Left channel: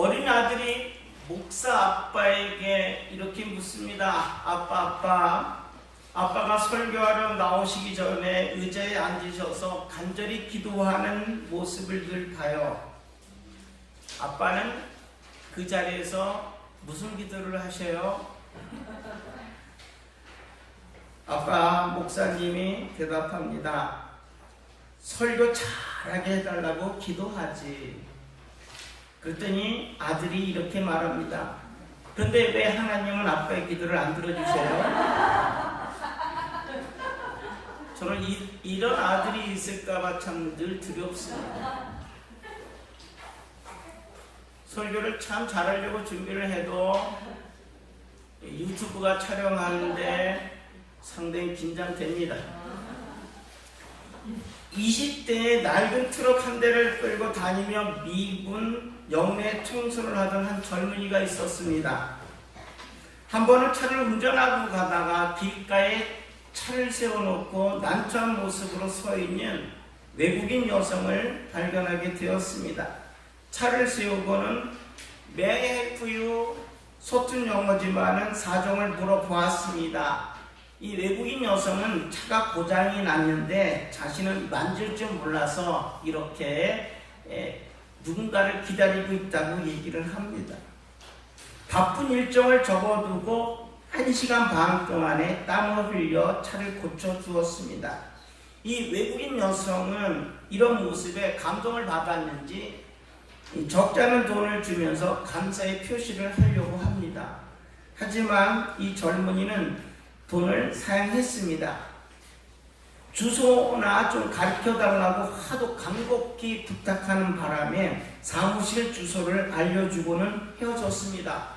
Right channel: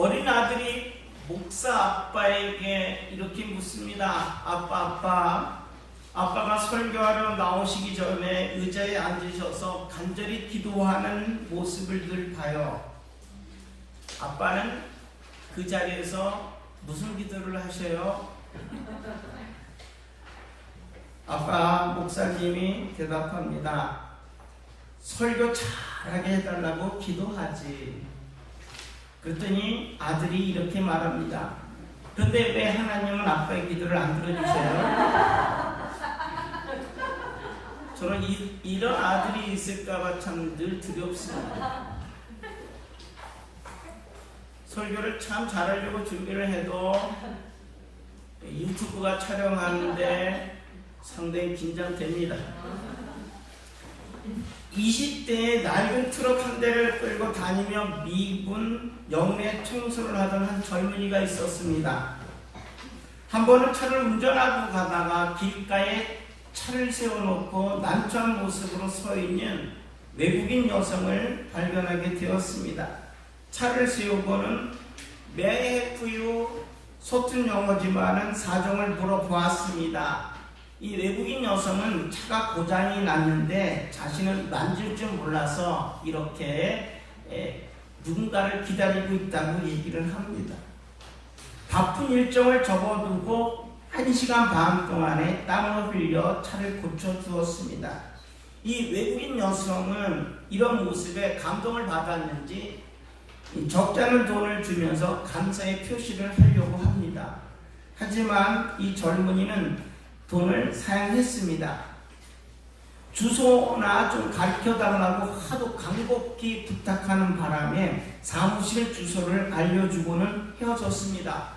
어린 아들이 목사 아빠에게 이렇게 묻습니다. 아빠가 설교하러 나오시기 전에 의자에 앉으셔서 간절히 기도하는 모습을 늘 봐요. 아빠는 그 자리에서 무슨 기도를 하셔요? 아빠 목사님이 대답합니다. 설교 잘하게 해달라고 기도하지. 그랬더니 아들이 이렇게 말합니다. 그런데 왜 하나님은 아빠의 기도를 안 들어주세요? 저는 이런 아들이 있을까봐 참 늘 두렵습니다. 설교를 참 잘하려고 준비를 해도 유튜브가 촬영하는데 상당히 긴장됩니다. 20대에 낡은 트럭 한 대를 끌고 다니며 미군 영내 청소를 하던 한 젊은이가 있었습니다. 한 번은 차를 운전하고 가다가 길가에 차를 세워놓고 난처한 모습으로 서 있는 외국인 여성을 발견하게 되었습니다. 차를 세우고는 May I help you? 서툰 영어지만은 사정을 물어보았습니다. 이 외국인 여성은 차가 고장이 났는데 자신은 만질 줄 몰라서 이렇게 누군가를 기다리고 있다고 얘기를 합니다. 바쁜 일정을 접어두고 1시간 반 동안에 땀을 흘려 차를 고쳐주었습니다. 이 외국인 여성은 이런 모습에 감동을 받았는지 적지 않은 돈을 주면서 감사의 표시를 하려고 합니다. 하지만 이 젊은이는 돈을 사양했습니다. 주소나 좀 가르쳐달라고 하도 간곡히 부탁하는 바람에 사무실 주소를 알려주고는 헤어졌습니다.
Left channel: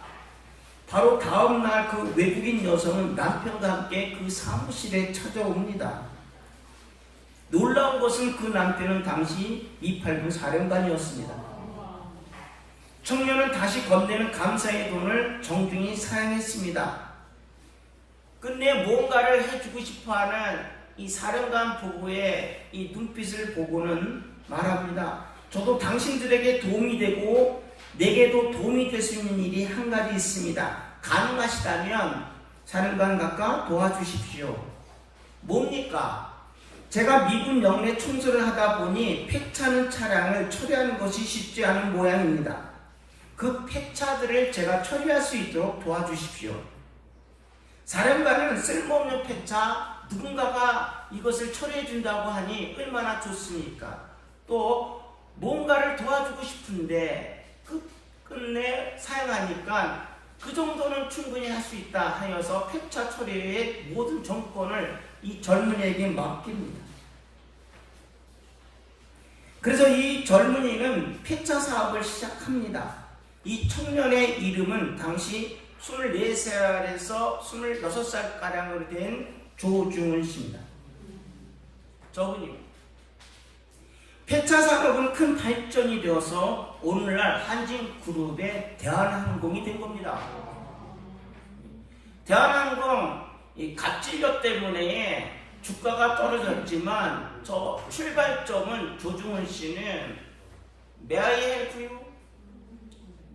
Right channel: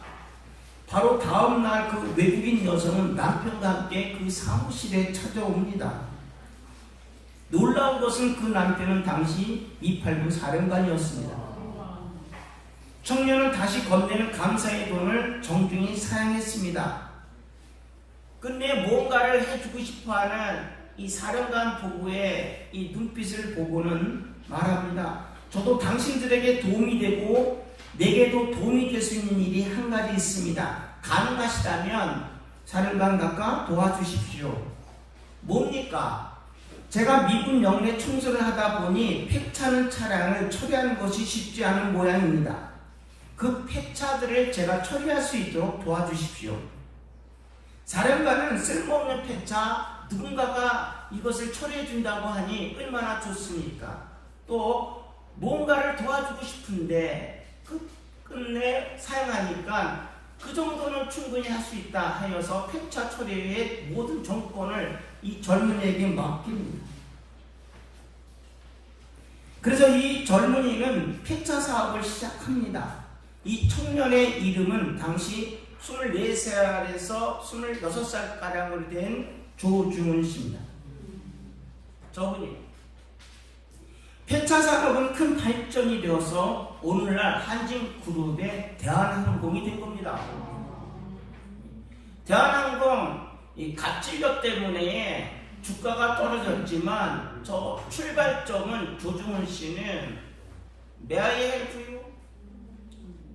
바로 다음날 그 외국인 여성은 남편과 함께 그 사무실에 찾아옵니다. 놀라운 것은 그 남편은 당시 289 사령관이었습니다. 청년은 다시 건네는 감사의 돈을 정중히 사양했습니다. 끝내 뭔가를 해주고 싶어하는 이 사령관 부부의 이 눈빛을 보고는 말합니다. 저도 당신들에게 도움이 되고 내게도 도움이 될 수 있는 일이 한 가지 있습니다. 가능하시다면 사령관 각하 도와주십시오. 뭡니까? 제가 미군 영내 청소를 하다 보니 폐차는 차량을 처리하는 것이 쉽지 않은 모양입니다. 그 폐차들을 제가 처리할 수 있도록 도와주십시오. 사령관은 쓸모없는 폐차, 누군가가 이것을 처리해 준다고 하니 얼마나 좋습니까? 또 뭔가를 도와주고 싶은데 끝내 사용하니까 그 정도는 충분히 할 수 있다 하여서 폐차 처리의 모든 정권을 이 젊은이에게 맡깁니다. 그래서 이 젊은이는 폐차 사업을 시작합니다. 이 청년의 이름은 당시 24살에서 26살가량으로 된 조중은 씨입니다. 저분이요. 폐차 산업은 큰 발전이 되어서 오늘날 한진그룹의 대한항공이 된 겁니다. 대한항공 이 갑질력 때문에 주가가 떨어졌지만 저 출발점은 조중은 씨는 May I help you?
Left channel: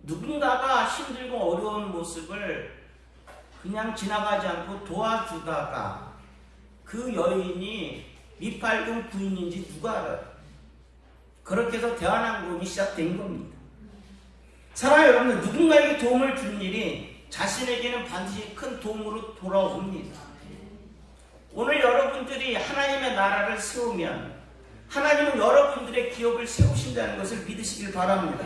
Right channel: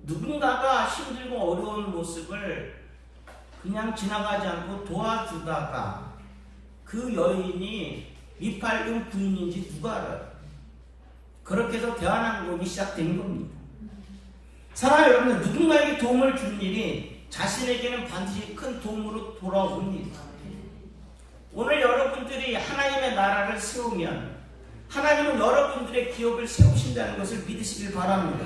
누군가가 힘들고 어려운 모습을 그냥 지나가지 않고 도와주다가 그 여인이 미팔군 부인인지 누가 알아요? 그렇게 해서 대한항공이 시작된 겁니다. 사랑하는 여러분, 누군가에게 도움을 준 일이 자신에게는 반드시 큰 도움으로 돌아옵니다. 오늘 여러분들이 하나님의 나라를 세우면 하나님은 여러분들의 기업을 세우신다는 것을 믿으시길 바랍니다.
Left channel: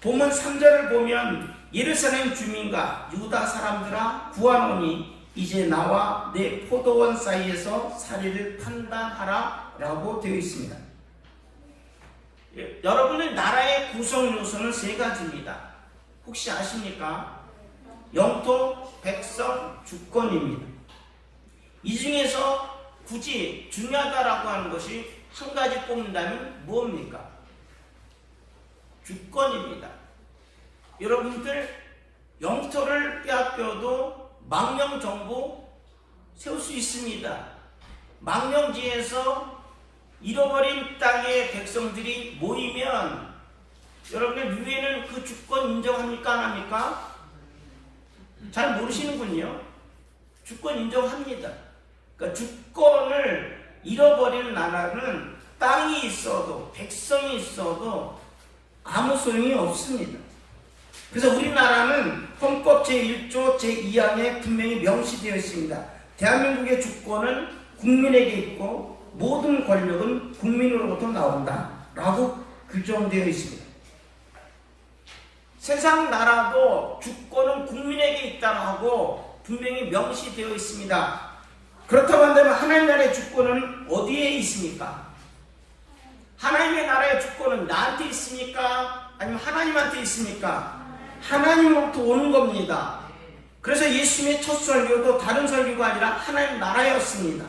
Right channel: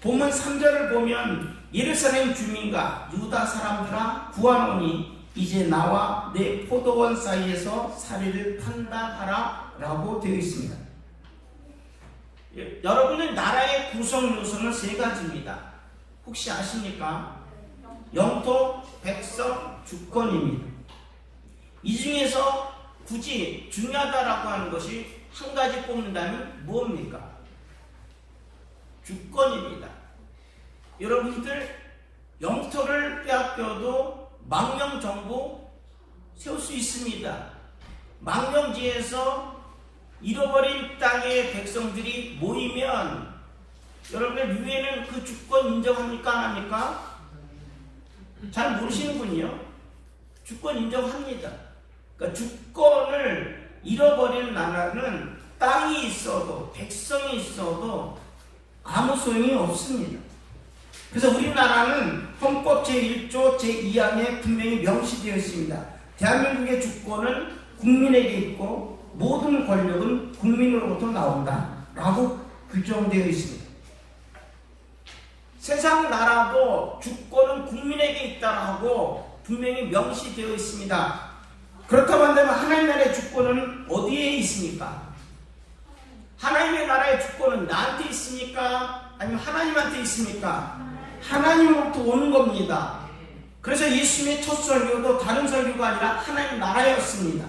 본문 3절을 보면 예루살렘 주민과 유다 사람들아 구하노니 이제 나와 내 포도원 사이에서 사리를 판단하라 라고 되어 있습니다. 여러분의 나라의 구성 요소는 세 가지입니다. 혹시 아십니까? 영토, 백성, 주권입니다. 이 중에서 굳이 중요하다라고 하는 것이 한 가지 뽑는다면 무엇입니까? 주권입니다. 여러분들 영토를 빼앗겨도 망명정부 세울 수 있습니다. 망명지에서 잃어버린 땅의 백성들이 모이면 여러분들 유엔은 그 주권 인정합니까? 안 합니까? 잘 모르시는군요. 주권 인정합니다. 그러니까 주권을 잃어버리는 나라는 땅이 있어도 백성이 있어도 아무 소용이 없습니다. 그래서 우리나라는 헌법 제1조 제2항에 분명히 명시되어 있습니다. 대한민국의 주권은 국민에게 있고 모든 권력은 국민으로부터 나온다 라고 규정되어 있습니다. 세상 나라도 주권은 국민에게 있다고 분명히 명시되어 있습니다. 그렇다고 한다면 하나님 나라의 주권은 어디에 있습니까? 하나님의 나라의 주권은 나한테 있습니까? 아니면 하나님한테 있습니까? 하나님으로부터 오는 겁니다. 그래서 예수님의 첫 설교도 다른 설교가 아니라 하나님 나라였습니다.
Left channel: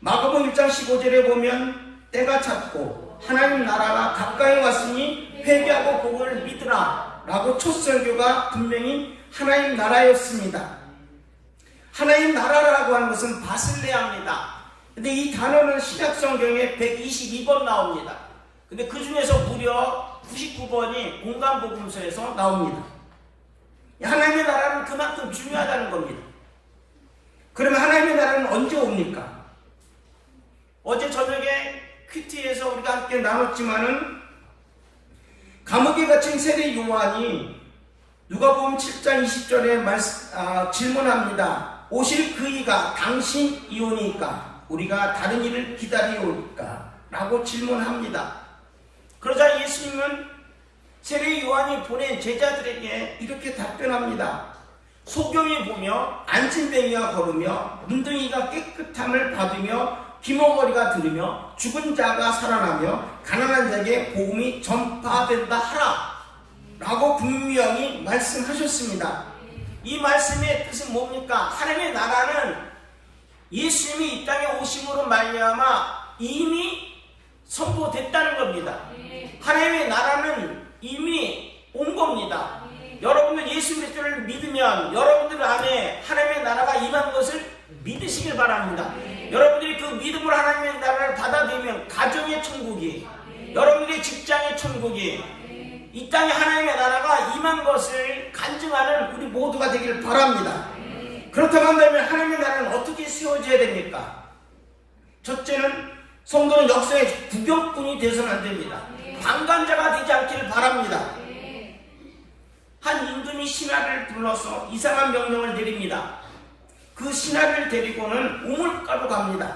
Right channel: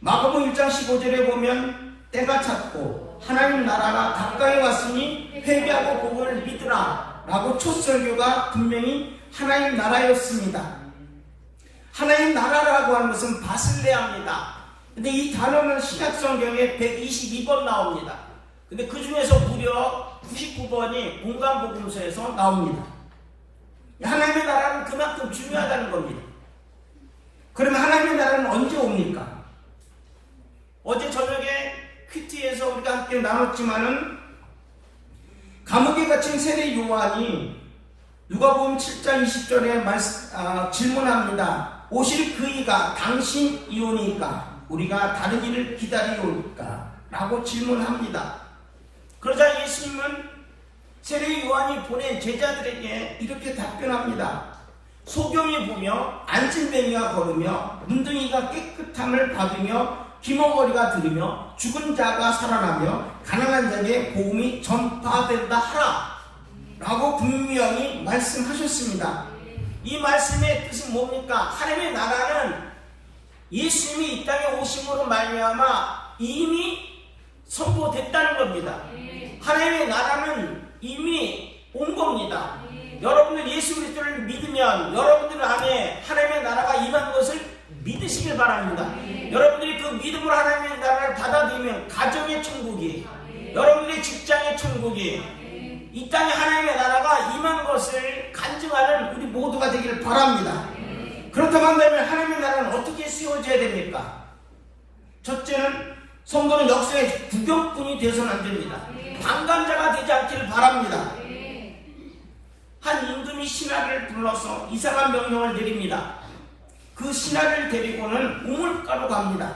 마가복음 1장 15절에 보면 때가 찼고 하나님 나라가 가까이 왔으니 회개하고 복음을 믿으라 라고 첫 설교가 분명히 하나님 나라였습니다. 하나님 나라라고 하는 것은 바슬레아입니다. 근데 이 단어는 신약 성경에 122번 나옵니다. 근데 그 중에서 무려 99번이 공간복음서에서 나옵니다. 하나님의 나라는 그만큼 중요하다는 겁니다. 그러면 하나님의 나라는 언제 옵니까? 어제 저녁에 큐티에서 우리가 함께 나눴지만은 감옥에 갇힌 세례 요한이 누가복음 7장 20절에 질문합니다. 오실 그이가 당신이오니까 우리가 다른 일을 기다리올까? 라고 질문합니다. 그러자 예수님은 세례 요한이 보낸 제자들에게 이렇게 답변합니다. 소경이 보며 안진뱅이가 걸으며 문둥이가 깨끗함을 받으며 귀머거리가 들으며 죽은 자가 살아나며 가난한 자에게 복음이 전파된다 하라 라고 분명히 말씀하셨습니다. 이 말씀의 뜻은 뭡니까? 하나님의 나라는 예수님이 이 땅에 오심으로 말미암아 이미 선포됐다는 겁니다. 하나님의 나라는 이미 온 겁니다. 여러분들 예수 그리스도를 믿으면 여러분들 안에 하나님의 나라가 임한 것을 믿으시길 바랍니다. 여러분들이 그 믿음으로 하나님의 나라를 받아들이면 가정의 천국이, 여러분들의 직장의 천국이, 이 땅에 하나님의 나라가 임한 것을 간증하는 우리 모두가 되기를 바랍니다. 그렇다고 한다면 하나님의 나라는 어떻게 세워져야 됩니까? 첫째는 성도는 역사의 구경꾼이 되어서는 안 됩니다. 방관자가 되지 않기를 바랍니다. 한 임금이 신하를 불러서 이상한 명령을 내립니다. 그 신하를 데리고는 우물가로 갑니다.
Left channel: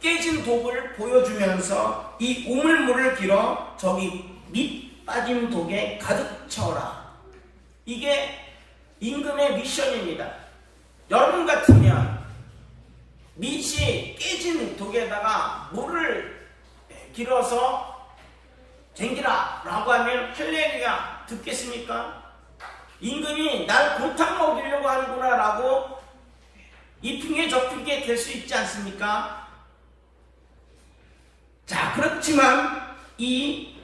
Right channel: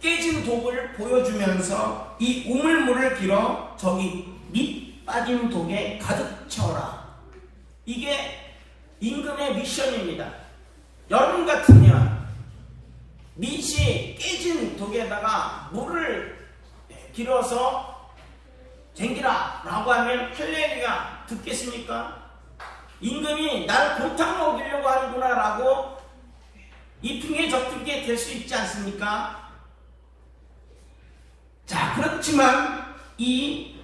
깨진 독을 보여주면서 이 우물물을 길어 저기 밑 빠진 독에 가득 채워라. 이게 임금의 미션입니다. 여러분 같으면 밑이 깨진 독에다가 물을 길어서 쟁기라 라고 하면 할렐루야 듣겠습니까? 임금이 나를 골탕 먹이려고 하는구나 라고 이핑계 저핑계 될 수 있지 않습니까? 자, 그렇지만 이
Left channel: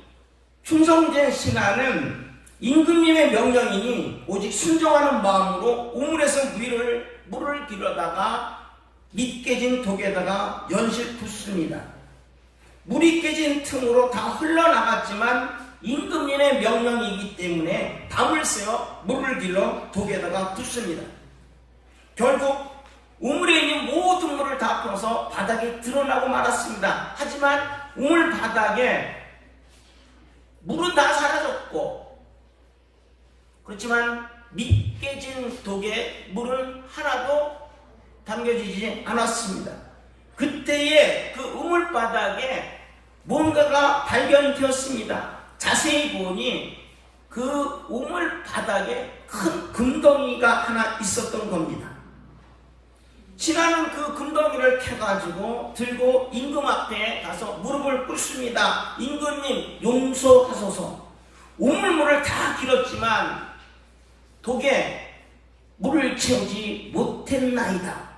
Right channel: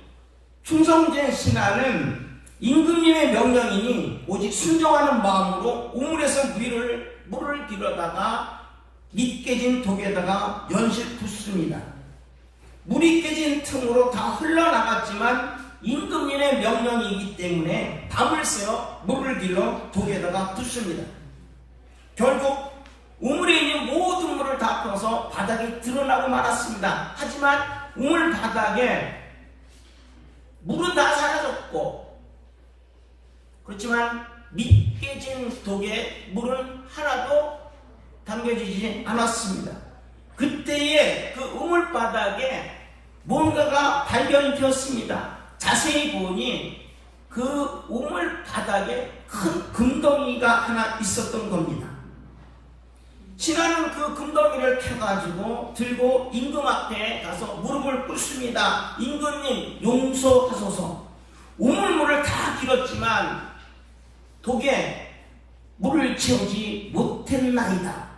충성된 신하는 임금님의 명령이니 오직 순종하는 마음으로 우물에서 물을 길어다가 밑 깨진 독에다가 연실 붓습니다. 물이 깨진 틈으로 다 흘러나갔지만 임금님의 명령이기 때문에 담을 세워 물을 길러 독에다가 붓습니다. 결국 우물에 있는 모든 물을 다 퍼서 바닥에 드러나고 말았습니다. 하지만 우물 바닥에 물은 다 사라졌고, 그렇지만 밑 깨진 독에 물은 하나도 담겨지지 않았습니다. 그때에 그 우물 바닥에 뭔가가 발견되었습니다. 자세히 보니 그 우물 바닥에 큰 금덩이가 하나 있었던 겁니다. 신하는 그 금덩이를 캐가지고 들고 임금 앞에 가서 무릎을 꿇습니다. 임금님 용서하소서. 우물물을 다 길었지만 독에 물을 채우지 못했나이다.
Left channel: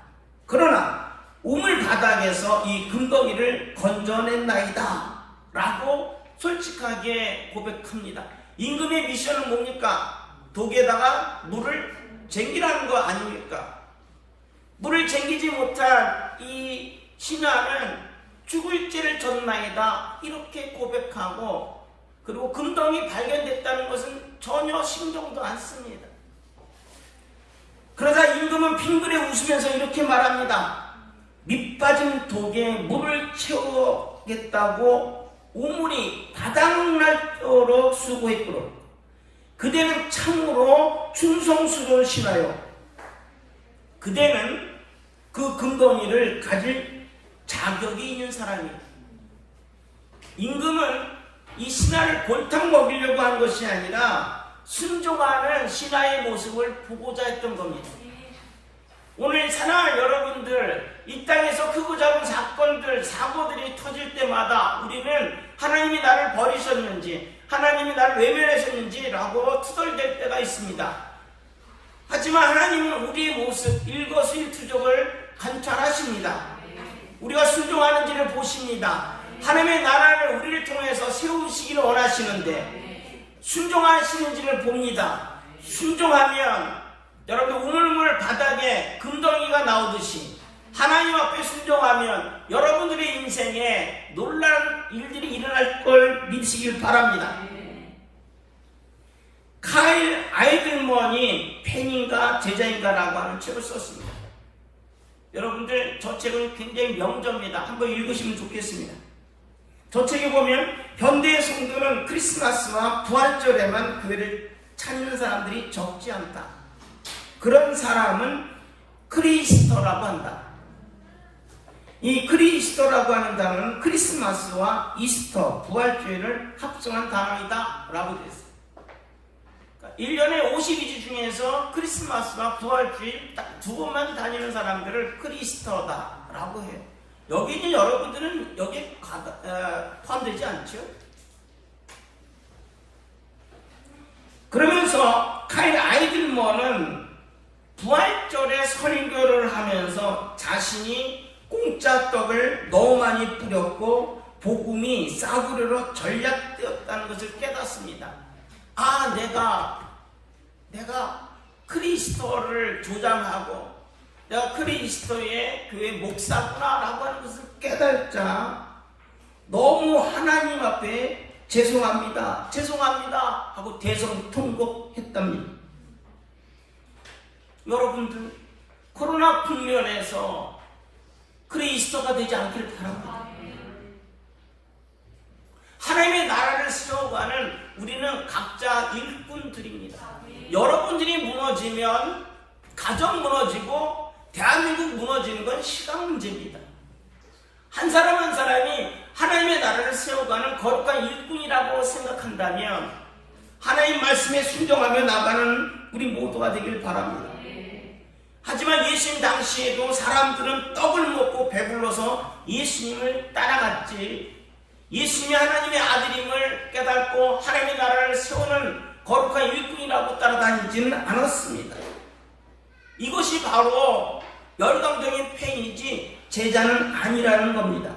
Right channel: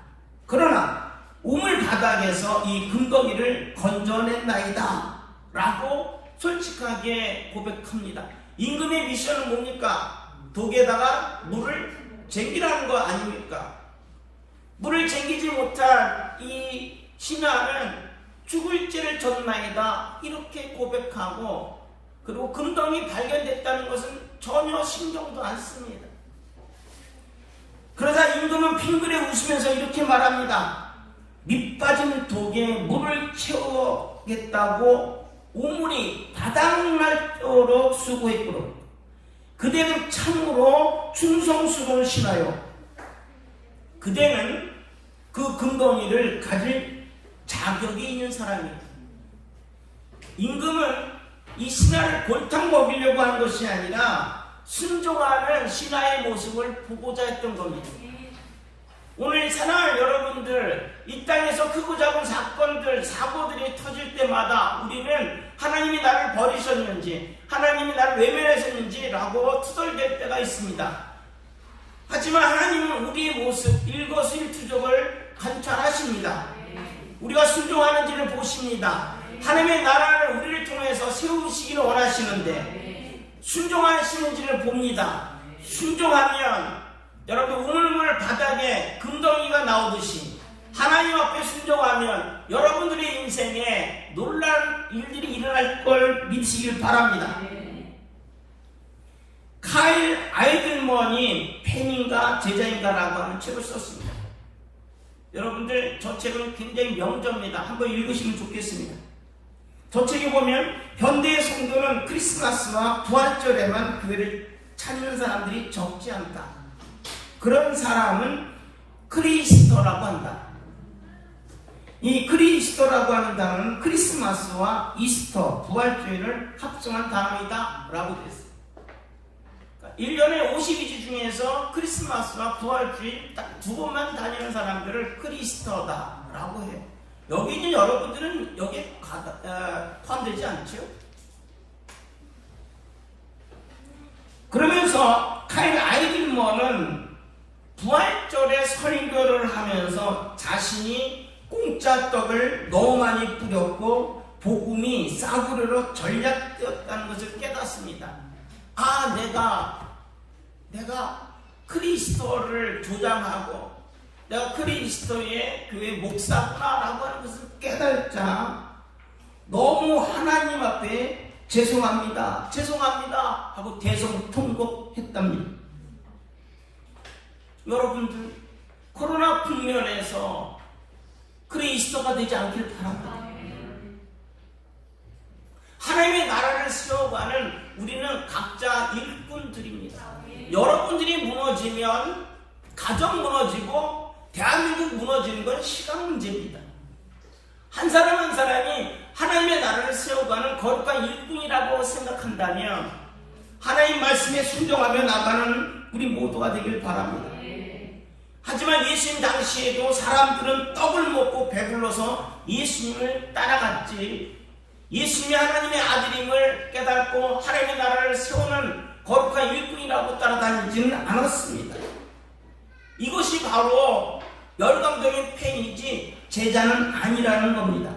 그러나 우물 바닥에서 이 금덩이를 건져냈나이다 라고 솔직하게 고백합니다. 임금의 미션은 뭡니까? 독에다가 물을 쟁기라는 거 아닙니까? 물을 쟁기지 못한 이 신하는 죽을 죄를 졌나이다 이렇게 고백하고 그리고 금덩이 발견됐다는 것은 전혀 신경도 안 씁니다. 그러자 임금은 빙그레 웃으면서 이렇게 말합니다. 밑빠진 독에 물을 채우겠다고 우물이 바닥날도록 수고했도록 그대는 참으로 충성스러운 신하요. 그대는 그 금덩이를 가질 자격이 있는 사람이에요. 임금은 이 신하를 골탕 먹이려고 한 것이 아니라 순종하는 신하의 모습을 보고자 했던 겁니다. 오늘 사랑하는 여러분들, 이 땅에서 크고 작은 사건들, 사고들이 터질 때마다 우리는 하나님이 나를 버리셨는지, 하나님이 나를 외면하셨는지 라고 투덜댈 때가 있습니다. 하지만 하나님은 우리의 모습, 일거수일투족을 관찰하십니다. 우리가 순종하는지를 보십니다. 하나님의 나라를 우리를 통해서 세우시기를 원하시는데 순종하시는지를 봅니다. 순종하면 여러분 우물물 바닥에 금덩이가 나오듯이 하나님 앞에 순종하면 여러분들의 인생에 놀라운 일들이 일어날 걸 믿으시길 바랍니다. 카일 아이들먼이 팬인가 제자인가라고 하는 책을 썼습니다. 여러분들 저 책은 굉장히 명저입니다. 한번 읽으시면 좋겠습니다. 저 책에 보면 현대의 성도는 크리스마스와 부활절에만 교회를 찾는 사람들이 적지 않다. 그런 사람은 크리스터라고 한다. 이 크리스터라고 하는 단어는 크리스마스와 이스터, 부활주일을 합성한 단어이다 라고 되어 있습니다. 1년에 52주 중에서 크리스마스와 부활주일 딱 두 번만 다니는 사람들을 크리스터다 라고 해요. 여기 있는 여러분들은 여기에 포함되지 않죠? 그러면서 카일 아이들먼은 부활절에 설교를 하면서 자신이 공짜 떡을 너무 많이 뿌렸고 복음이 싸구려로 전략되었다는 것을 깨닫습니다. 아, 내가 크리스토를 조장하고 내가 크리스토의 교회 목사구나 라고 하는 것을 깨달자 너무 하나님 앞에 죄송합니다 하고 대성통곡했답니다. 여러분들 코로나 국면에서 크리스토가 되지 않기를 바랍니다. 하나님의 나라를 세워가는 우리는 각자 일꾼들입니다. 여러분들이 무너지면 가정 무너지고 대한민국 무너지는 건 시간 문제입니다. 한 사람 한 사람이 하나님의 나라를 세워가는 거룩한 일꾼이라고 생각한다면 하나님 말씀에 순종하며 나가는 우리 모두가 되길 바랍니다. 하지만 예수님 당시에도 사람들은 떡을 먹고 배불러서 예수님을 따라갔지, 예수님이 하나님의 아들임을 깨닫고 하나님의 나라를 세우는 거룩한 일꾼이라고 따라다니지는 않았습니다. 이것이 바로 열광적인 팬이지 제자는 아니라는 겁니다.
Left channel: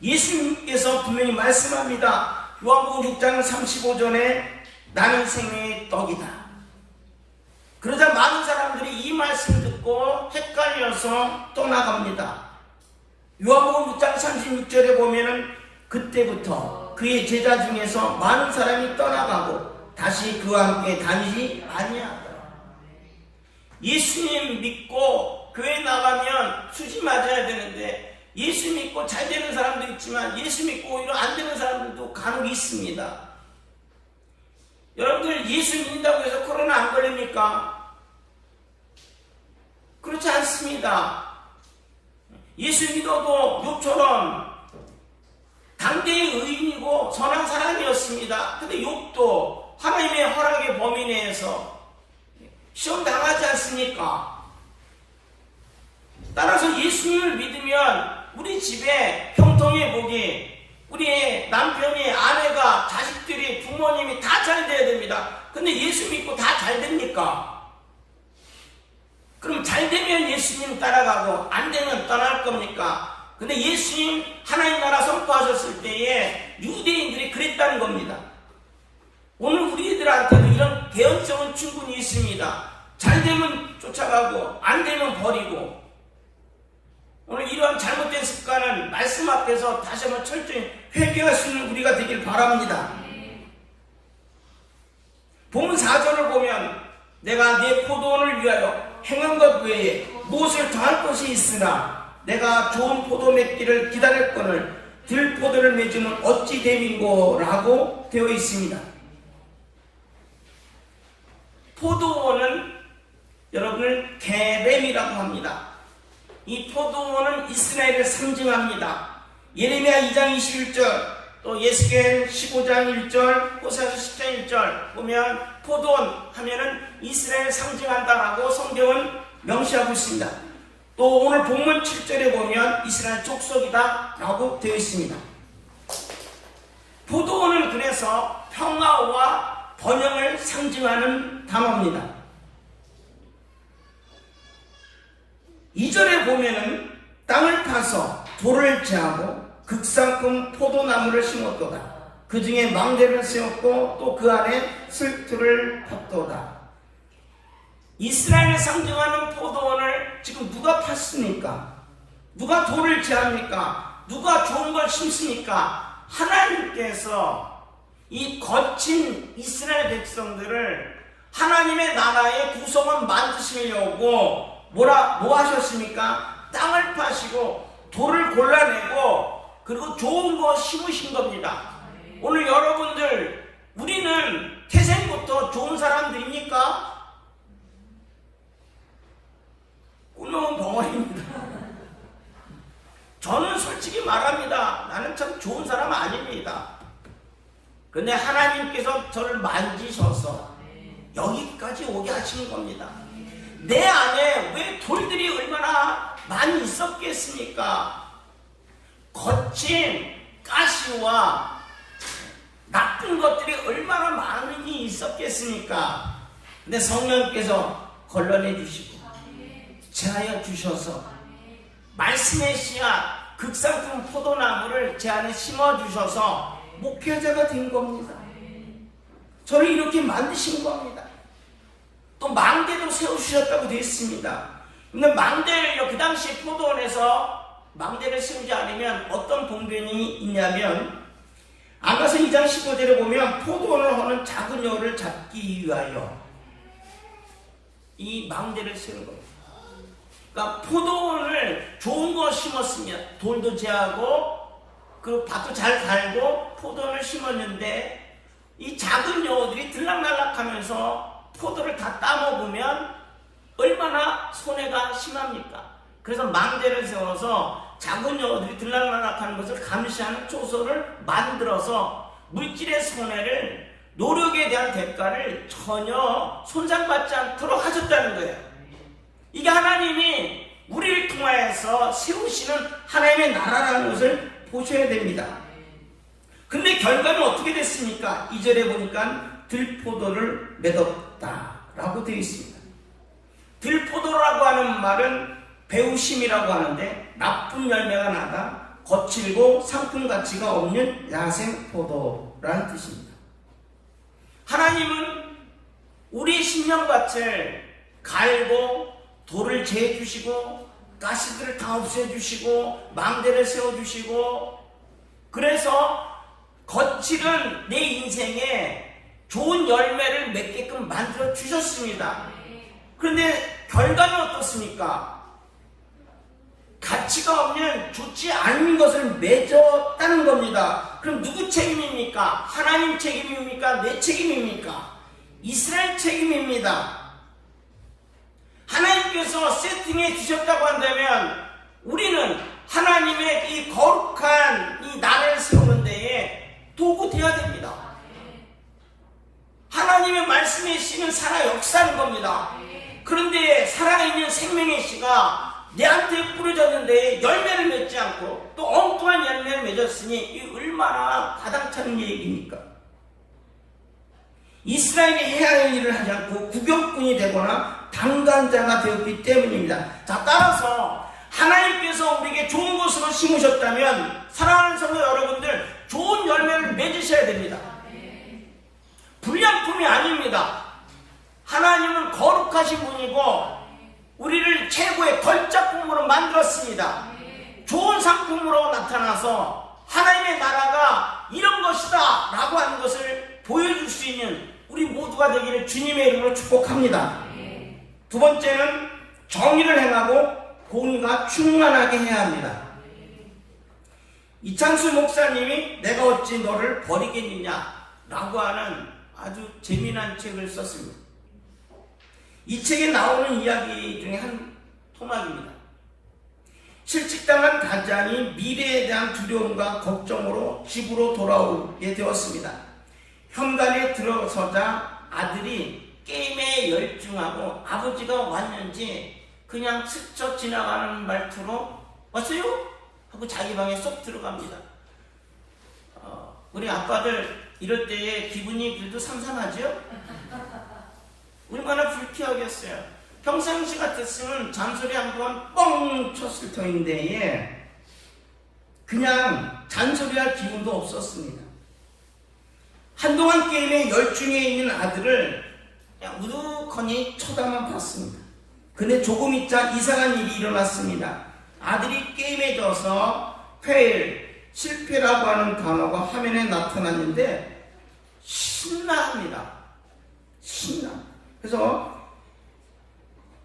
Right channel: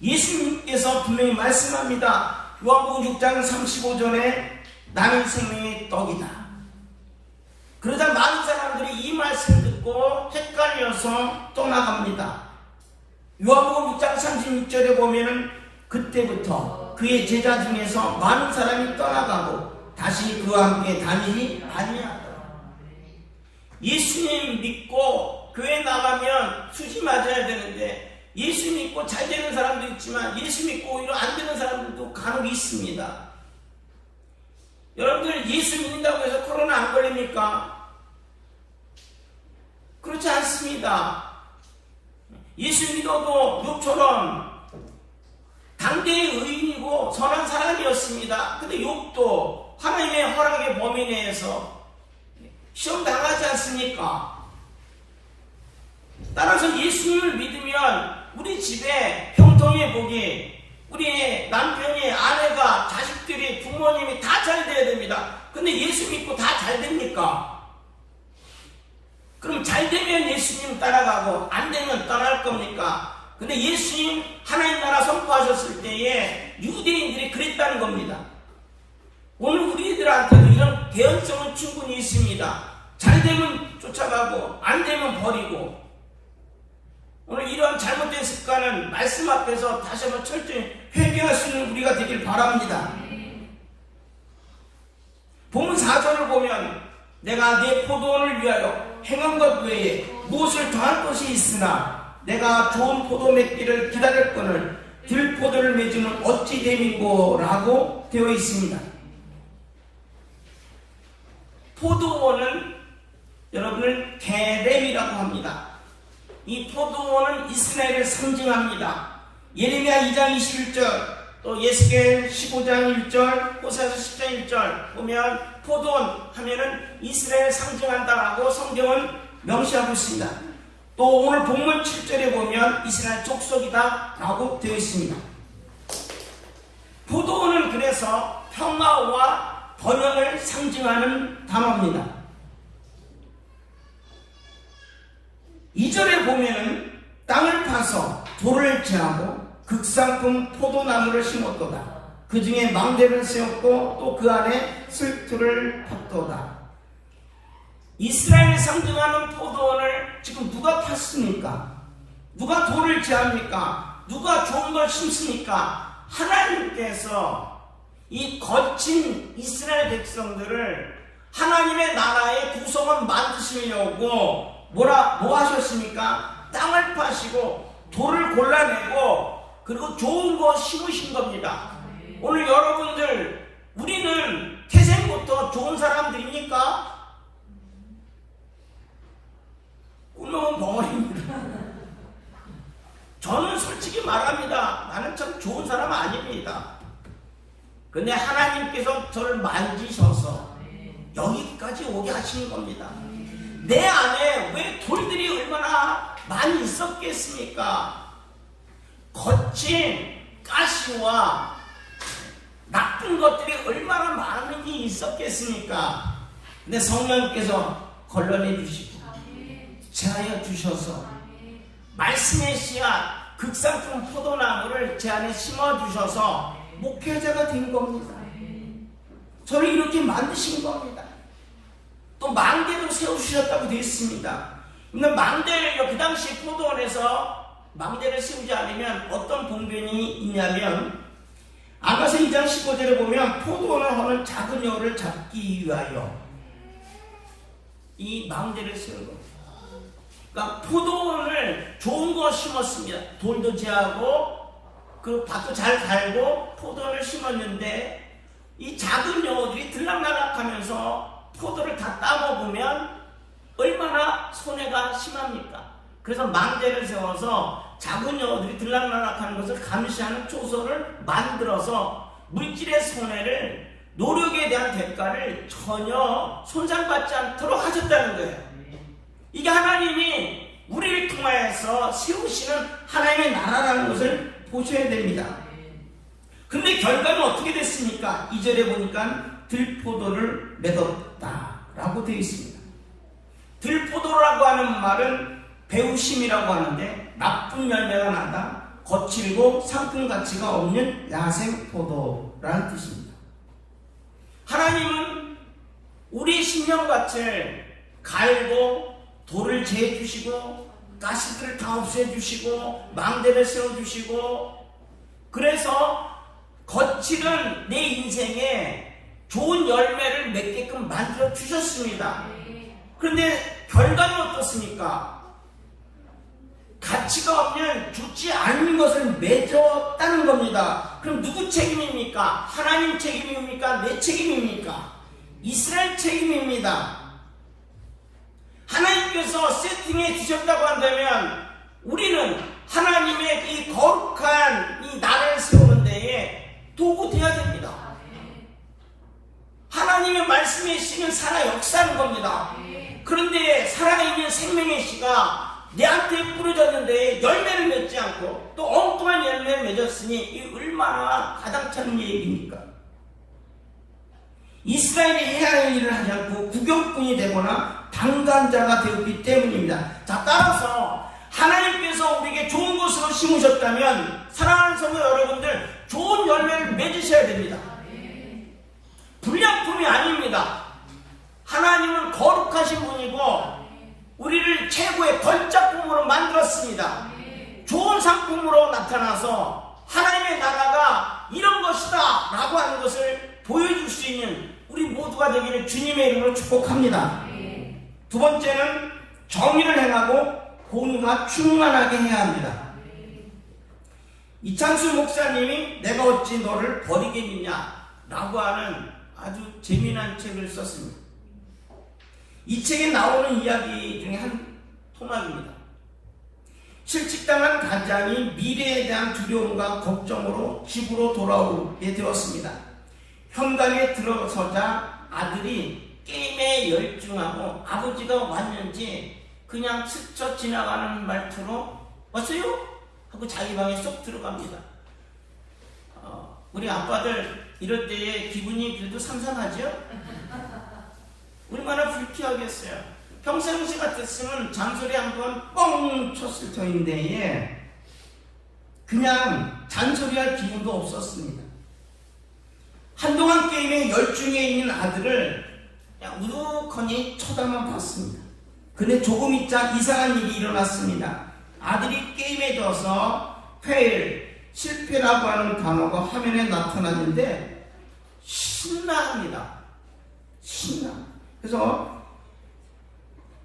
예수님께서 분명히 말씀합니다. 요한복음 6장 35절에 나는 생명의 떡이다. 그러자 많은 사람들이 이 말씀 듣고 헷갈려서 떠나갑니다. 요한복음 6장 36절에 보면은 그때부터 그의 제자 중에서 많은 사람이 떠나가고 다시 그와 함께 다니지 아니하더라. 예수님 믿고 교회 나가면 수지 맞아야 되는데 예수 믿고 잘 되는 사람도 있지만 예수 믿고 오히려 안 되는 사람들도 간혹 있습니다. 여러분들 예수 믿는다고 해서 코로나 안 걸립니까? 그렇지 않습니다. 예수 믿어도 욥처럼 당대의 의인이고 선한 사람이었습니다. 근데 욥도 하나님의 허락의 범위 내에서 시험 당하지 않습니까? 따라서 예수님을 믿으면 우리 집에 형통의 복이, 우리 남편이, 아내가, 자식들이, 부모님이 다 잘 돼야 됩니다. 근데 예수 믿고 다 잘 됩니까? 그럼 잘 되면 예수님 따라가고 안 되면 떠날 겁니까? 근데 예수님 하나님 나라 선포하셨을 때에 유대인들이 그랬다는 겁니다. 오늘 우리들한테도 이런 개연성은 충분히 있습니다. 잘 되면 쫓아가고 안 되면 버리고. 오늘 이러한 잘못된 습관은 말씀 앞에서 다시 한번 철저히 회개할 수 있는 우리가 되길 바랍니다. 본문 4절을 보면 내가 내 포도원을 위하여 행한 것 외에 무엇을 더할 것이 있으나 내가 좋은 포도 맺기를 기다렸거늘 들포도를 맺으면 어찌 됨이고 라고 되어 있습니다. 포도원은 여러분을 게렘이라고 합니다. 이 포도원은 이스라엘을 상징합니다. 예레미야 2장 21절 또 예스겔 15장 1절 호세아서 10장 1절 보면 포도원 하면은 이스라엘 상징한다라고 성경은 명시하고 있습니다. 또 오늘 본문 7절에 보면 이스라엘 족속이다 라고 되어 있습니다. 포도원은 그래서 평화와 번영을 상징하는 단어입니다. 2절에 보면은 땅을 파서 돌을 제하고 극상품 포도나무를 심었도다. 그 중에 망대를 세웠고 또 그 안에 슬투를 폈도다. 이스라엘을 상징하는 포도원을 지금 누가 팠습니까? 누가 돌을 제합니까? 누가 좋은 걸 심습니까? 하나님께서 이 거친 이스라엘 백성들을 하나님의 나라의 구성원 만드시려고 뭐 하셨습니까? 땅을 파시고 돌을 골라내고 그리고 좋은 거 심으신 겁니다. 오늘 여러분들 우리는 태생부터 좋은 사람들입니까? 꿀먹은 벙어리입니다. 저는 솔직히 말합니다. 나는 참 좋은 사람 아닙니다. 근데 하나님께서 저를 만지셔서 여기까지 오게 하시는 겁니다. 내 안에 왜 돌들이 얼마나 많이 있었겠습니까? 거친 가시와 나쁜 것들이 얼마나 많이 있었겠습니까? 근데 성령께서 걸러내 주시고 제하여 주셔서 말씀의 씨앗 극상품 포도나무를 제 안에 심어 주셔서 목회자가 된 겁니다. 저를 이렇게 만드신 겁니다. 또 망대도 세워주셨다고 되어 있습니다. 근데 망대를요, 그 당시 포도원에서 망대를 세우지 않으면 어떤 봉변이 있냐면 아가서 2장 15절에 보면 포도원을 하는 작은 여우를 잡기 위하여 이 망대를 세운 겁니다. 그러니까 포도원을 좋은 거 심었습니다. 돌도 제하고 그 밭도 잘 갈고 포도원을 심었는데 이 작은 여우들이 들락날락하면서 포도를 다 따먹으면 얼마나 손해가 심합니까? 그래서 망대를 세워서 작은 여우들이 들락날락하는 것을 감시하는 초소를 만들어서 물질의 손해를 노력에 대한 대가를 전혀 손상받지 않도록 하셨다는 거예요. 이게 하나님이 우리를 통하여서 세우시는 하나님의 나라라는 것을 보셔야 됩니다. 근데 결과는 어떻게 됐습니까? 2절에 보니까 들포도를 맺었다 라고 되어 있습니다. 들포도라고 하는 말은 배우심이라고 하는데 나쁜 열매가 나다 거칠고 상품 가치가 없는 야생포도라는 뜻입니다. 하나님은 우리 심령밭을 갈고 돌을 재주시고 가시들을 다 없애주시고 망대를 세워주시고 그래서 거칠은 내 인생에 좋은 열매를 맺게끔 만들어 주셨습니다. 그런데 결과는 어떻습니까? 가치가 없는 좋지 않은 것을 맺었다는 겁니다. 그럼 누구 책임입니까? 하나님 책임입니까? 내 책임입니까? 이스라엘 책임입니다. 하나님께서 세팅해 주셨다고 한다면 우리는 하나님의 이 거룩한 이 나라를 세우는 데에 도구 되어야 됩니다. 하나님의 말씀의 씨는 살아 역사하는 겁니다. 그런데 살아있는 생명의 씨가 내한테 뿌려졌는데 열매를 맺지 않고 또 엉뚱한 열매를 맺었으니 이 얼마나 가당찮은 얘기입니까? 이스라엘이 해야 하는 일을 하지 않고 구경꾼이 되거나 방관자가 되었기 때문입니다. 자, 따라서 하나님께서 우리에게 좋은 것으로 심으셨다면 사랑하는 성도 여러분들 좋은 열매를 맺으셔야 됩니다. 불량품이 아닙니다. 하나님은 거룩하신 분이고 우리를 최고의 걸작품으로 만들었습니다. 좋은 상품으로 나타나서 하나님의 나라가 이런 것이다 라고 하는 것을 보여줄 수 있는 우리 모두가 되기를 주님의 이름으로 축복합니다. 두 번째는 정의를 행하고 공의가 충만하게 해야 합니다. 이창수 목사님이 내가 어찌 너를 버리겠느냐 라고 하는 아주 재미난 책을 썼습니다. 이 책에 나오는 이야기 중에 한 토막입니다. 실직당한 가장이 미래에 대한 두려움과 걱정으로 집으로 돌아오게 되었습니다. 현관에 들어서자 아들이 게임에 열중하고 아버지가 왔는지 그냥 스쳐 지나가는 말투로 왔어요? 하고 자기 방에 쏙 들어갑니다. 우리 아빠들 이럴 때에 기분이 그래도 삼삼하죠? 얼마나 불쾌하겠어요. 평상시 같았으면 잔소리 한번 뻥 쳤을 터인데 그냥 잔소리할 기분도 없었습니다. 한동안 게임에 열중해 있는 아들을 그냥 우두커니 쳐다만 봤습니다. 근데 조금 있자 이상한 일이 일어났습니다. 아들이 게임에 져서 fail, 실패라고 하는 단어가 화면에 나타났는데 신나합니다. 신나. 그래서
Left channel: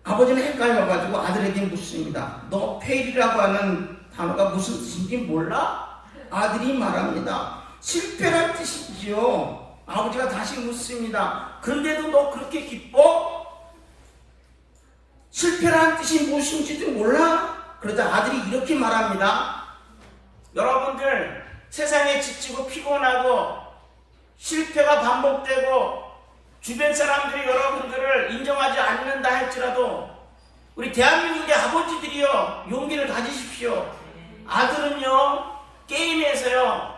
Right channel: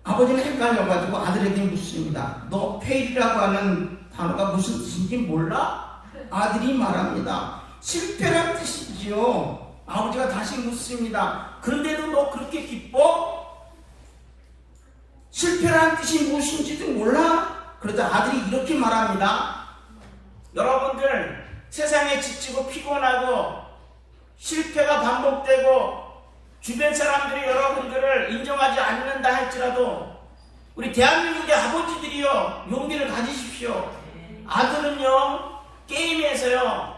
아버지는 헷갈려가지고 아들에게 묻습니다. 너 fail이라고 하는 단어가 무슨 뜻인지 몰라? 아들이 말합니다. 실패란 뜻이지요. 아버지가 다시 묻습니다. 그런데도 너 그렇게 기뻐? 실패라는 뜻이 무엇인지도 몰라? 그러자 아들이 이렇게 말합니다. 여러분들 세상에 지치고 피곤하고 실패가 반복되고 주변 사람들이 여러분들을 인정하지 않는다 할지라도 우리 대한민국의 아버지들이요 용기를 가지십시오. 아들은요 게임에서요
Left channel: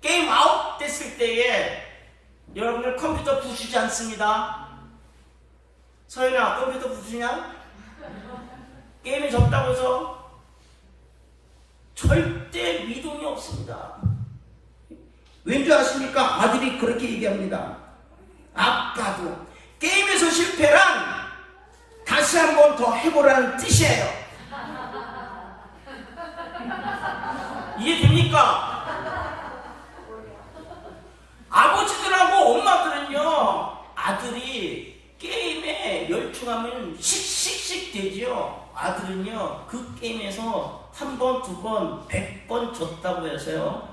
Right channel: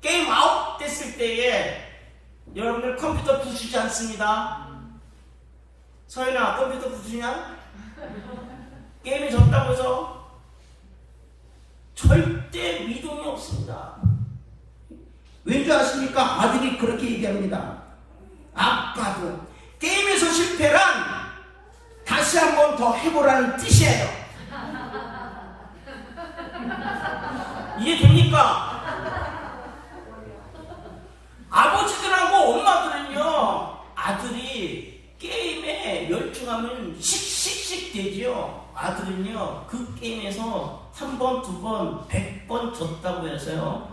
게임 아웃 됐을 때에 여러분들 컴퓨터 부수지 않습니다. 서윤아 컴퓨터 부수냐? 게임에 졌다고 해서 절대 미동이 없습니다. 왠지 아십니까? 아들이 그렇게 얘기합니다. 아빠도 게임에서 실패란 다시 한번 더 해보라는 뜻이에요. 이해됩니까? 아버지들하고 엄마들은요 아들이 게임에 열중하면 씩씩씩 되죠. 아들은요 그 게임에서 한 번, 두 번, 100번 졌다고 해서요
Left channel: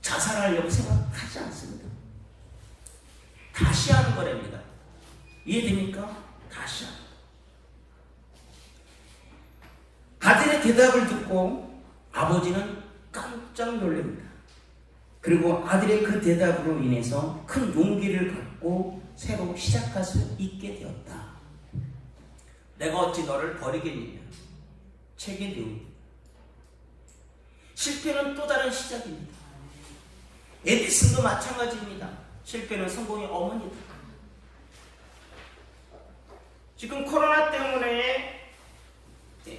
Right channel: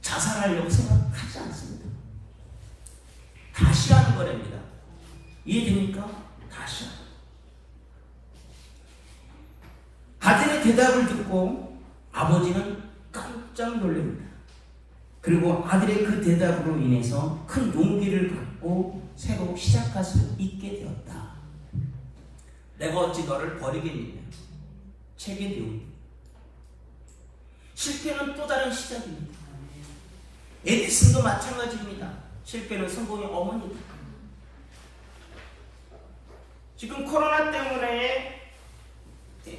자살하려고 생각하지 않습니다. 다시 하는 거랍니다. 이해됩니까? 다시 하는. 아들의 대답을 듣고 아버지는 깜짝 놀랍니다. 그리고 아들의 그 대답으로 인해서 큰 용기를 갖고 새로 시작할 수 있게 되었다. 내가 어찌 너를 버리겠느냐. 책의 내용입니다. 실패는 또 다른 시작입니다. 에디슨도 마찬가지입니다. 실패는 성공의 어머니다. 지금 코로나 때문에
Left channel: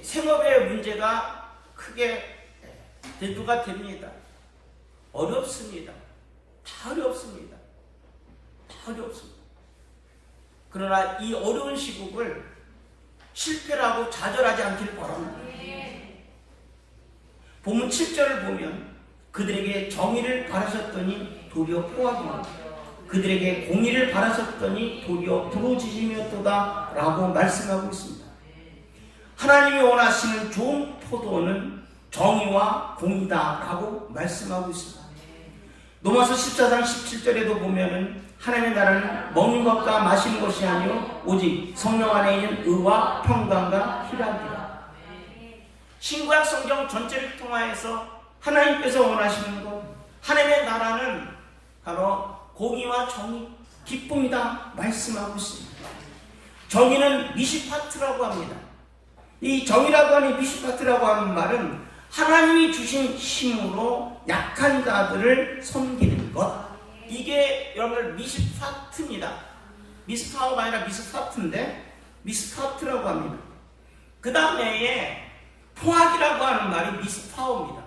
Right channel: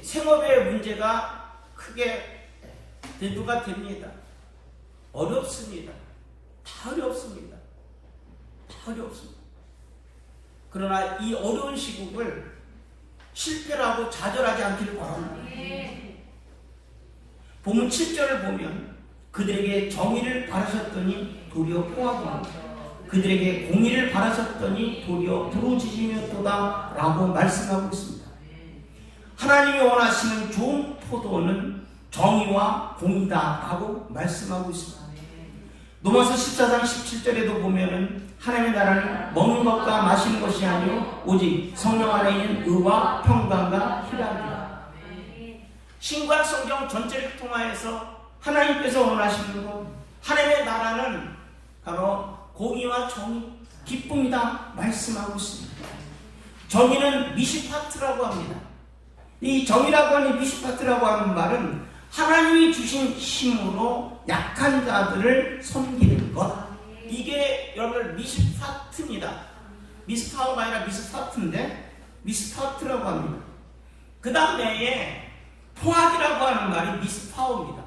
생업의 문제가 크게 대두가 됩니다. 어렵습니다. 다 어렵습니다. 다 어렵습니다. 그러나 이 어려운 시국을 실패라고 좌절하지 않길 바랍니다. 본문 7절을 보면 그들에게 정의를 바라셨더니 도리어 평화입니다. 그들에게 공의를 바라셨더니 도리어 부르짖으며도다 라고 말씀하고 있습니다. 하나님이 원하시는 좋은 포도는 정의와 공의다 라고 말씀하고 있습니다. 로마서 14장 17절에도 보면은 하나님의 나라는 먹는 것과 마시는 것이 아니요 오직 성령 안에 있는 의와 평강과 희락이다. 신구약 성경 전체를 통하여서 하나님께서 원하시는 것, 하나님의 나라는 바로 공의와 정의, 기쁨이다 말씀하고 있습니다. 정의는 미시파트라고 합니다. 이 정의라고 하는 미시파트라고 하는 말은 하나님이 주신 힘으로 약한 자들을 섬기는 것. 이게 여러분들 미스파트입니다. 미스파워가 아니라 미스파트인데 미스파트라고 합니다. 그 다음에 포악이라고 하는 말이 미스파워입니다.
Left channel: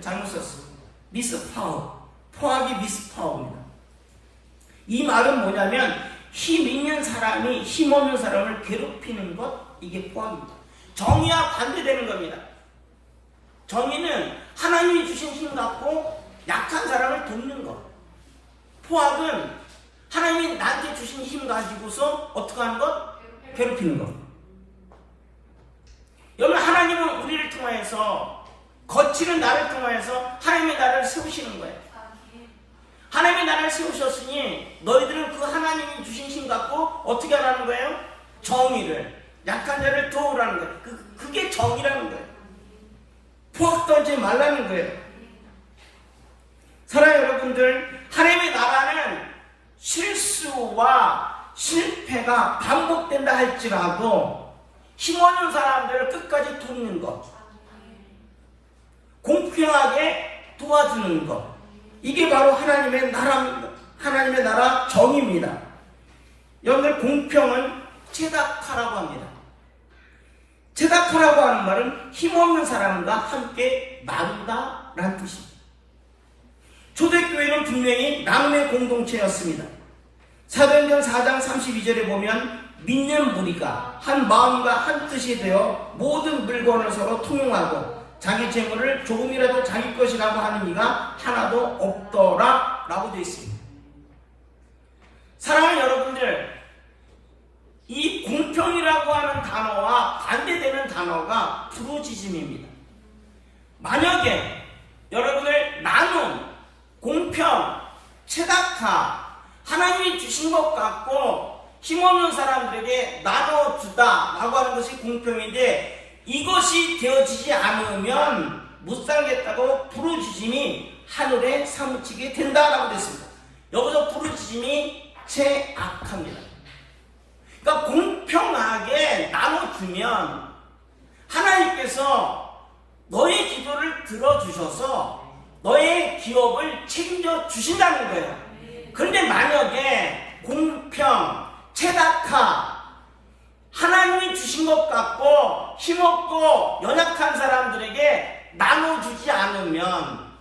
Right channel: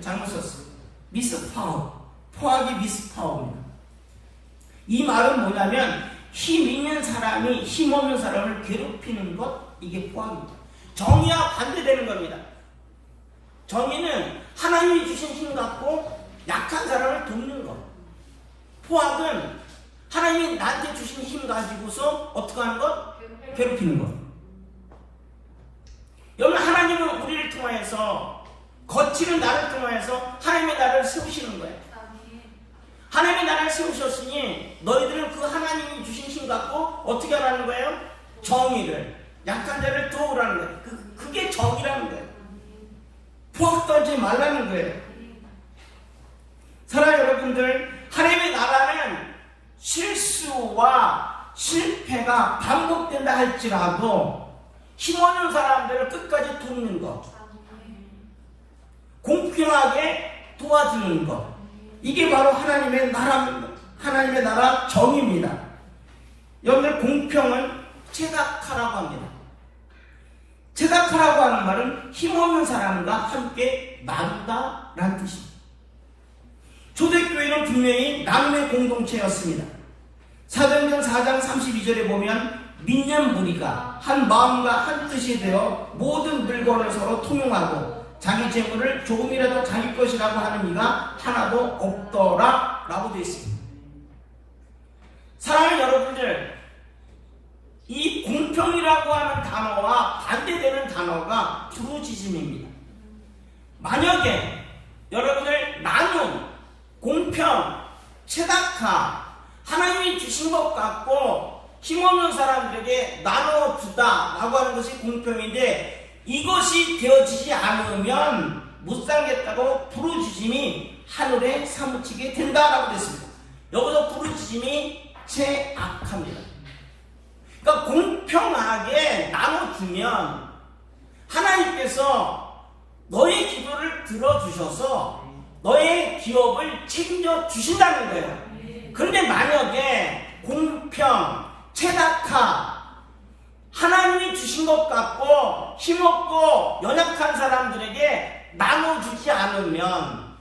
잘못 썼어요. 미스파워. 포악이 미스파워입니다. 이 말은 뭐냐면 힘 있는 사람이 힘 없는 사람을 괴롭히는 것, 이게 포악입니다. 정의와 반대되는 겁니다. 정의는 하나님이 주신 힘 갖고 약한 사람을 돕는 것. 포악은 하나님이 나한테 주신 힘 가지고서 어떻게 하는 것? 괴롭히는 것. 여러분, 하나님은 우리를 통하여서, 거칠은 나를 통하여서 하나님의 나라를 세우시는 거예요. 하나님의 나라를 세우셨으니 너희들은 그 하나님이 주신 힘 갖고 어떻게 하라는 거예요? 정의를, 약한 자를 도우라는 거예요. 그게 정의라는 거예요. 포악 떨지 말라는 거예요. 사랑하는 여러분들, 하나님의 나라는 실수와 실패가 반복된다 할지라도 힘없는 사람들을 끝까지 돕는 것, 공평하게 도와주는 것, 이게 바로 하나님의 나라 정의입니다. 여러분들, 공평은 체닥하라고 합니다. 체닥하라고 하는 말은 힘없는 사람과 함께 나누다라는 뜻입니다. 초대교회는 분명히 나눔의 공동체였습니다. 사도행전 4장 32절에 보면 믿는 무리가 한 마음과 한 뜻이 되어 모든 물건을 서로 통용하고 자기 재물을 조금이라도 자기 것이라고 하는 이가 하나도 없더라 라고 되어 있습니다. 사랑하는 여러분들, 이 공평이라고 하는 단어와 반대되는 단어가 부르짖음입니다. 만약에 여러분들 나눔, 공평, 체닥하, 하나님이 주신 것 같고 힘없는 사람들에게 나눠주다 라고 하는 것이 공평인데, 이것이 되어지지 않으면 못 살겠다고 부르짖음이 하늘에 사무치게 된다라고 됐습니다. 여기서 부르짖음이 체악합니다. 그러니까 공평하게 나눠주면 하나님께서 너의 기도를 들어주셔서 너의 기업을 책임져 주신다는 거예요. 그런데 만약에 공평, 체닥하, 하나님이 주신 것 같고 힘없고 연약한 사람들에게 나눠주지 않으면,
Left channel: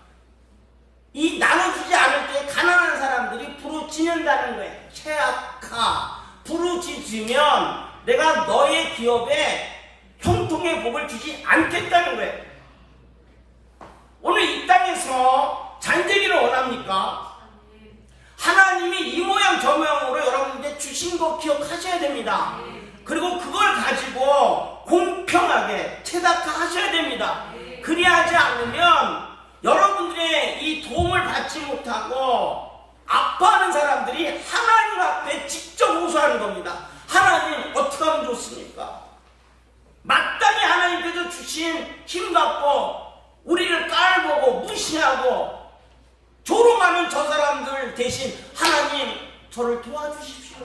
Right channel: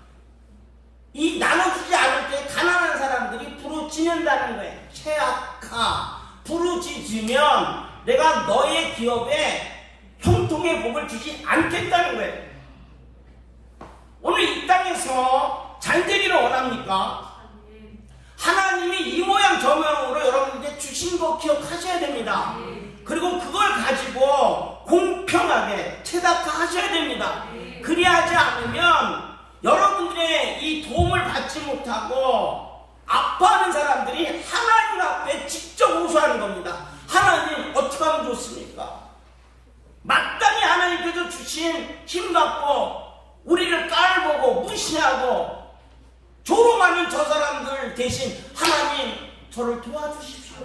이 나눠주지 않을 때 가난한 사람들이 부르짖는다는 거예요. 체악하, 부르짖으면 내가 너의 기업에 형통의 복을 주지 않겠다는 거예요. 오늘 이 땅에서 잘 되기를 원합니까? 하나님이 이 모양 저 모양으로 여러분에게 주신 거 기억하셔야 됩니다. 그리고 그걸 가지고 공평하게 체닥하 하셔야 됩니다. 그리하지 않으면 여러분들의 이 도움을 받지 못하고 아파하는 사람들이 하나님 앞에 직접 호소하는 겁니다. 하나님, 어떻게 하면 좋습니까? 마땅히 하나님께서 주신 힘 갖고 우리를 깔보고 무시하고 조롱하는 저 사람들 대신 하나님, 저를 도와주십시오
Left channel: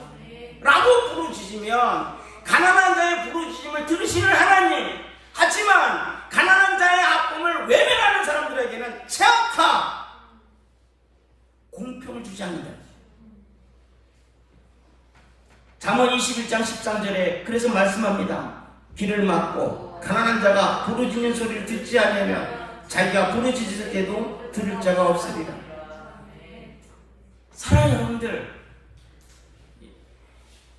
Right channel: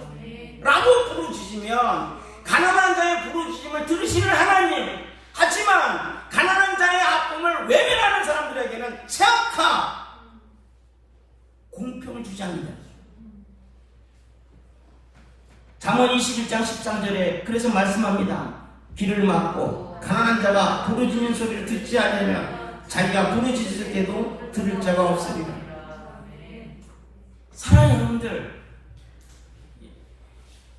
라고 부르짖으면 가난한 자의 부르짖음을 들으시는 하나님, 하지만 가난한 자의 아픔을 외면하는 사람들에게는 체악하, 공평을 주지 않는다. 잠언 21장 13절에 그래서 말씀합니다. 귀를 막고 가난한 자가 부르짖는 소리를 듣지 않으면 자기가 부르짖을 때도 들을 자가 없으리라. 사랑하는 여러분들,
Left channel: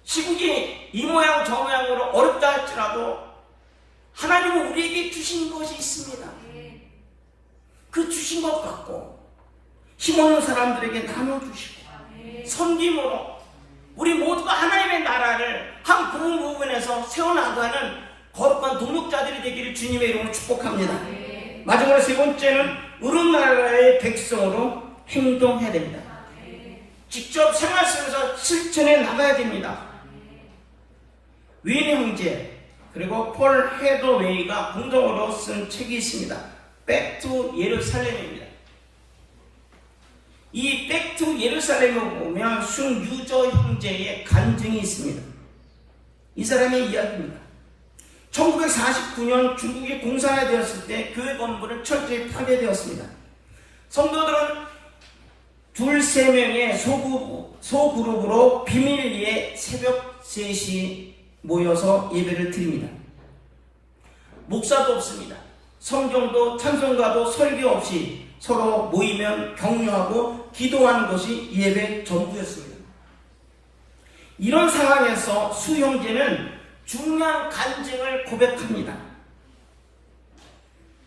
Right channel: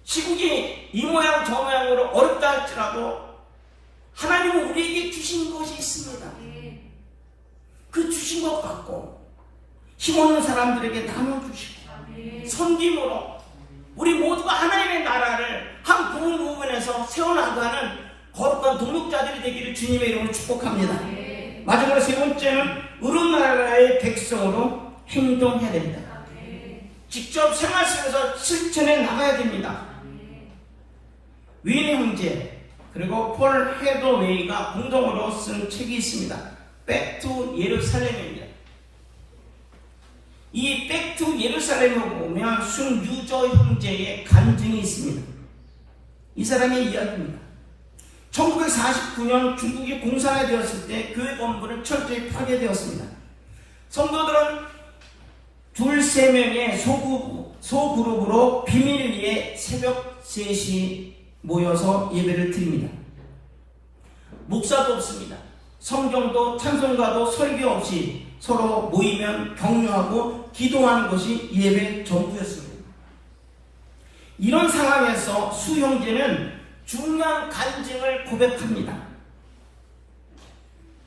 시국이 이 모양 저 모양으로 어렵다 할지라도 하나님은 우리에게 주신 것이 있습니다. 그 주신 것 갖고 힘없는 사람들에게 나눠주시고 섬김으로 우리 모두가 하나님의 나라를 한 부분에서 세워나가는 거룩한 동역자들이 되기를 주님의 이름으로 축복합니다. 마지막으로 세 번째는 의로운 나라의 백성으로 행동해야 됩니다. 직접 생활 속에서 실천해 나가야 됩니다. 윈 형제 그리고 폴 헤더웨이가 공동으로 쓴 책이 있습니다. Back to 예루살렘입니다. 이 Back to 예루살렘을 보면 순유저 형제의 간증이 있습니다. 이 사람의 이야기입니다. 1949년 중국이 공산화되었을 때 교회 건물은 철저히 파괴되었습니다. 성도들은 2~3명의 소그룹으로 비밀리에 새벽 3시 모여서 예배를 드립니다. 목사도 없습니다. 성경도 찬송가도 설교 없이 서로 모이면 격려하고 기도하는 것이 예배 전부였습니다. 이런 상황에서 수 형제는 중요한 간증을 고백합니다.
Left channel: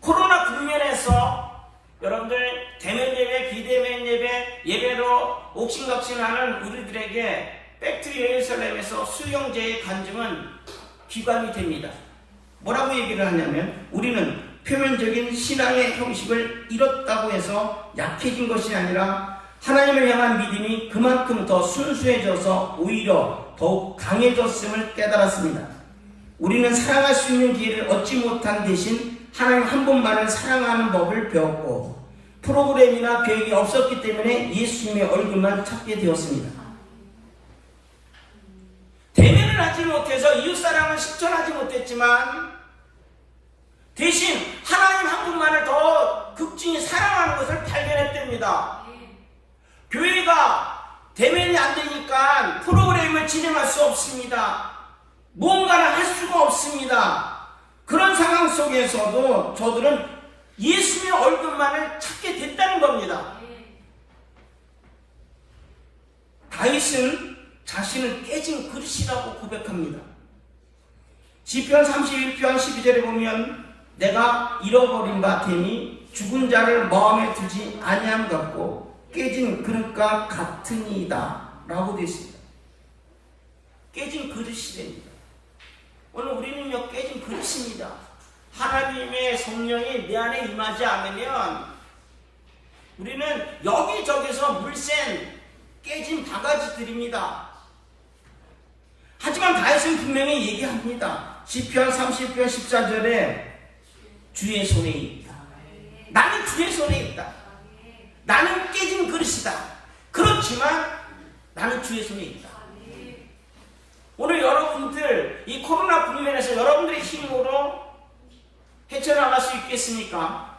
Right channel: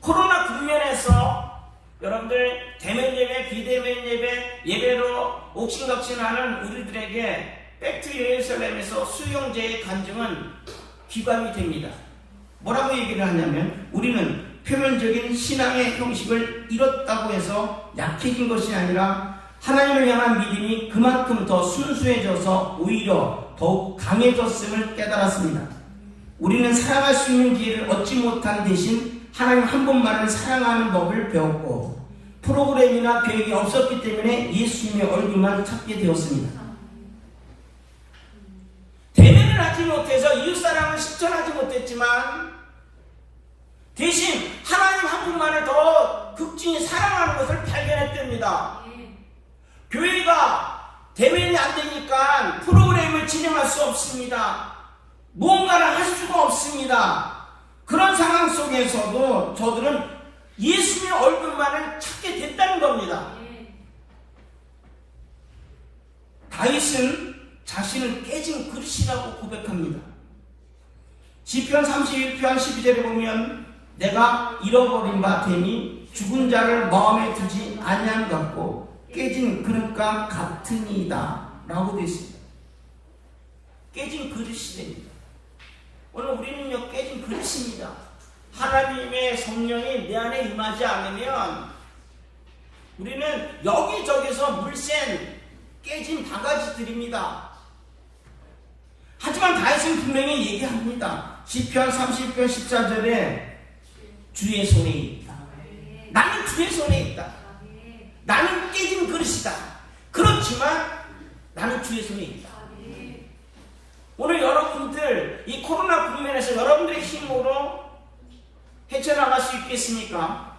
코로나 국면에서 여러분들 대면 예배, 비대면 예배, 예배로 옥신각신하는 우리들에게 백투 예루살렘에서 수용제의 간증은 기관이 됩니다. 뭐라고 얘기를 하냐면 우리는 표면적인 신앙의 형식을 잃었다고 해서 약해진 것이 아니라 하나님을 향한 믿음이 그만큼 더 순수해져서 오히려 더욱 강해졌음을 깨달았습니다. 우리는 사랑할 수 있는 기회를 얻지 못한 대신 하나님 한 분만을 사랑하는 법을 배웠고 프로그램이나 계획이 없었기 때문에 예수님의 얼굴만 찾게 되었습니다. 대면을 하지 못해서 이웃사랑을 실천하지 못했지만 대신 하나님 한 분만을 더 극진히 사랑하는 것을 발견했답니다. 교회가 대면이 안 되니까 프로그램을 진행할 수 없습니다. 뭔가를 할 수가 없습니다. 그런 상황 속에서도 저들은 예수님의 얼굴만을 찾게 됐다는 겁니다. 다윗은 자신을 깨진 그릇이라고 고백합니다. 시편 31편 12절에 보면 내가 잃어버린 바 됨이 죽은 자를 마음에 두지 아니함 같고 깨진 그릇과 같으니이다 라고 되어 있습니다. 깨진 그릇이 됩니다. 오늘 우리는요 깨진 그릇입니다. 하나님의 성령이 내 안에 임하지 않으면 우리는 여기저기서 물샌 깨진 바가지들입니다. 하지만 다윗은 분명히 얘기합니다. 시편 30편 14절에 주의 손에 있다. 나는 주의 손에 있다. 나는 깨진 그릇이다. 그렇지만 나는 주의 손에 있다. 오늘 여러분들 이 코로나 국면에서 여러분들의 힘으로 헤쳐나갈 수 있겠습니까?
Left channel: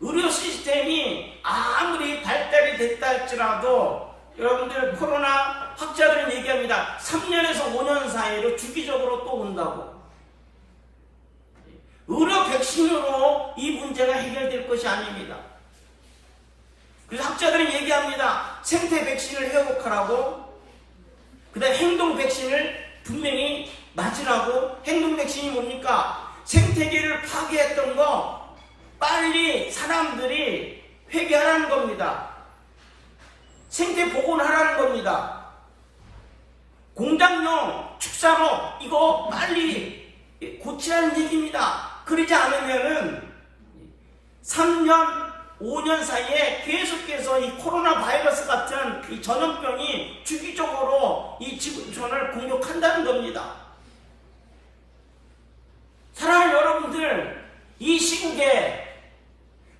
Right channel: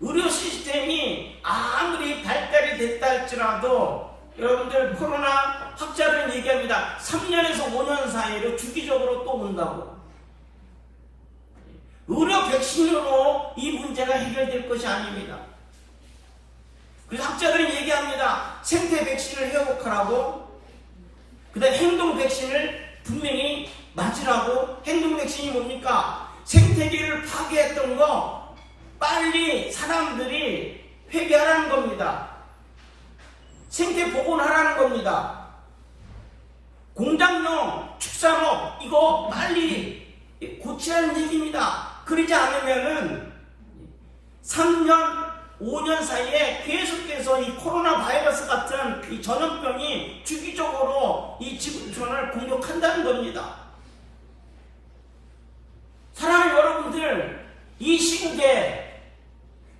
의료 시스템이 아무리 발달이 됐다 할지라도 여러분들 코로나 학자들은 얘기합니다. 3년에서 5년 사이로 주기적으로 또 온다고. 의료 백신으로 이 문제가 해결될 것이 아닙니다. 그래서 학자들은 얘기합니다. 생태 백신을 회복하라고, 그 다음에 행동 백신을 분명히 맞으라고. 행동 백신이 뭡니까? 생태계를 파괴했던 거 빨리 사람들이 회개하라는 겁니다. 생태 복원하라는 겁니다. 공장용 축산업 이거 빨리 고치라는 얘기입니다. 그러지 않으면은 3년, 5년 사이에 계속해서 이 코로나 바이러스 같은 이 전염병이 주기적으로 이 지구촌을 공격한다는 겁니다. 사랑하는 여러분들, 이 시국에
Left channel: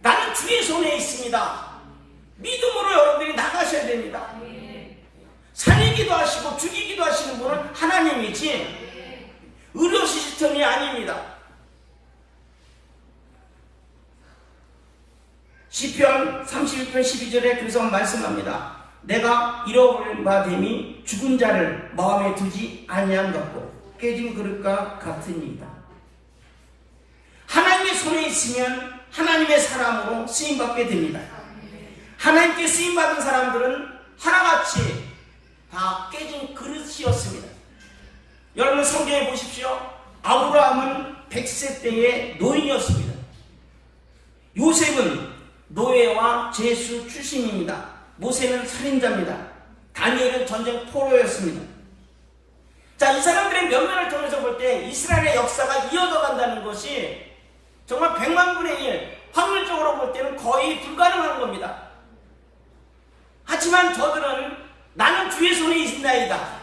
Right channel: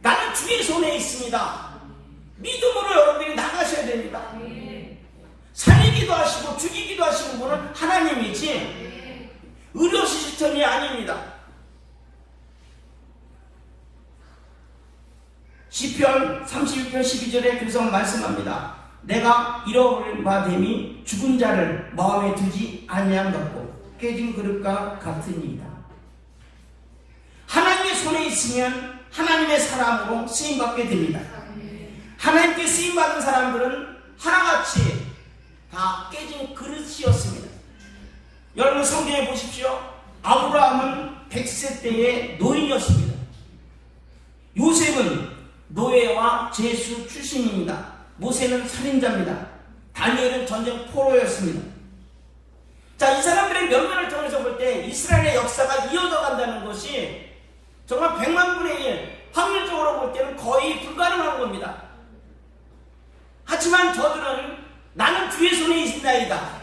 나는 주의 손에 있습니다. 믿음으로 여러분들이 나가셔야 됩니다. 살리기도 하시고 죽이기도 하시는 분은 하나님이지 의료 시스템이 아닙니다. 시편 31편 12절에 그래서 말씀합니다. 내가 잃어버린 바 됨이 죽은 자를 마음에 두지 아니함 같고 깨진 그릇과 같으니이다. 하나님의 손에 있으면 하나님의 사람으로 쓰임받게 됩니다. 하나님께 쓰임받은 사람들은 하나같이 다 깨진 그릇이었습니다. 여러분 성경에 보십시오. 아브라함은 100세 때의 노인이었습니다. 요셉은 노예와 제수 출신입니다. 모세는 살인자입니다. 다니엘은 전쟁 포로였습니다. 자, 이 사람들의 면면을 통해서 볼 때 이스라엘의 역사가 이어져 간다는 것이 정말 100만 분의 1, 확률적으로 볼 때는 거의 불가능한 겁니다. 하지만 저들은 나는 주의 손에 있나이다.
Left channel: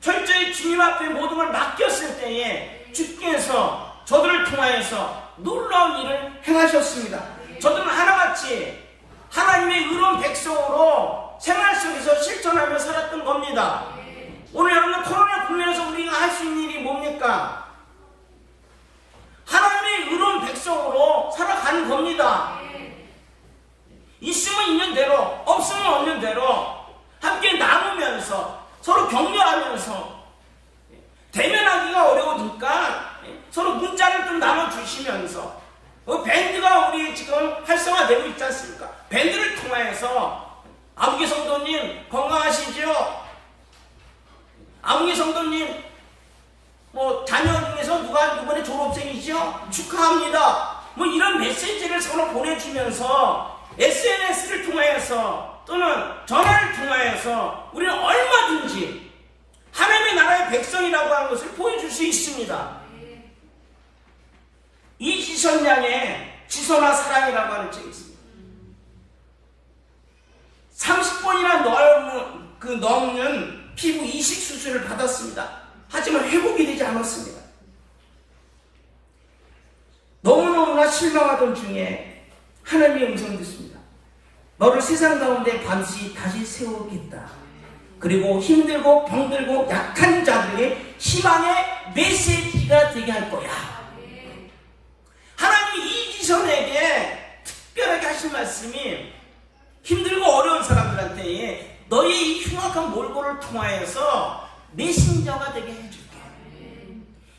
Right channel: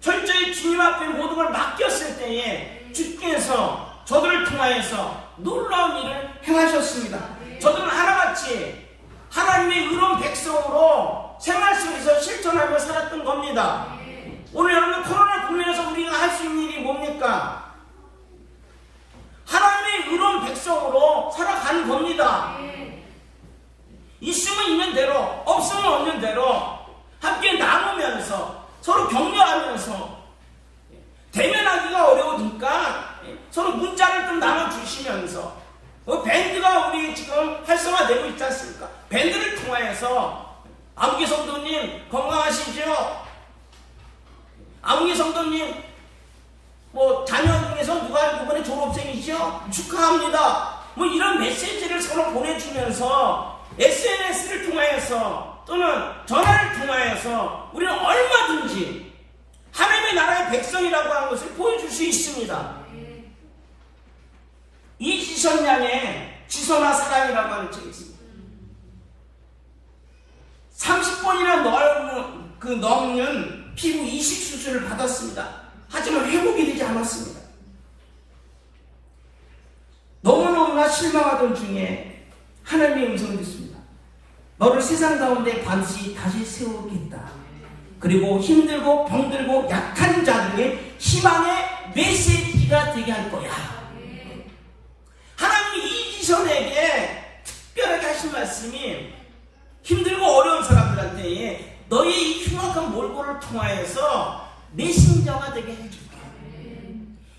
철저히 주님 앞에 모든 걸 맡겼을 때에 주께서 저들을 통하여서 놀라운 일을 행하셨습니다. 저들은 하나같이 하나님의 의로운 백성으로 생활 속에서 실천하며 살았던 겁니다. 오늘 여러분 코로나 국면에서 우리가 할 수 있는 일이 뭡니까? 하나님의 의로운 백성으로 살아가는 겁니다. 있으면 있는 대로, 없으면 없는 대로 함께 나누면서 서로 격려하면서 대면하기가 어려우니까 서로 문자를 좀 나눠주시면서 밴드가 우리 지금 활성화되고 있지 않습니까? 밴드를 통하여서 아무개 성도님 건강하시죠? 아무개 성도님 뭐 자녀 중에서 누가 이번에 졸업생이죠? 축하합니다. 뭐 이런 메시지를 서로 보내주면서 SNS를 통하여서 또는 전화를 통하여서 우리는 얼마든지 하나님의 나라의 백성이라고 하는 것을 보여줄 수 있습니다. 이지선 양의 지선아 사랑이라고 하는 책이 있습니다. 30번이나 넘는 피부 이식 수술을 받았습니다. 하지만 회복이 되지 않았습니다. 너무너무나 실망하던 중에 하나님의 음성이 듣습니다. 너를 세상 가운데 반드시 다시 세우겠다. 그리고 힘들고 병들고 약한 자들에게 희망의 메시지가 되게 할 거야. 하나님이 이지선에게 특별하게 하신 말씀이 힘들고 어려운 사람들한테 너의 이 흉악한 몰골을 통하여서 메신저가 되게 해줄게.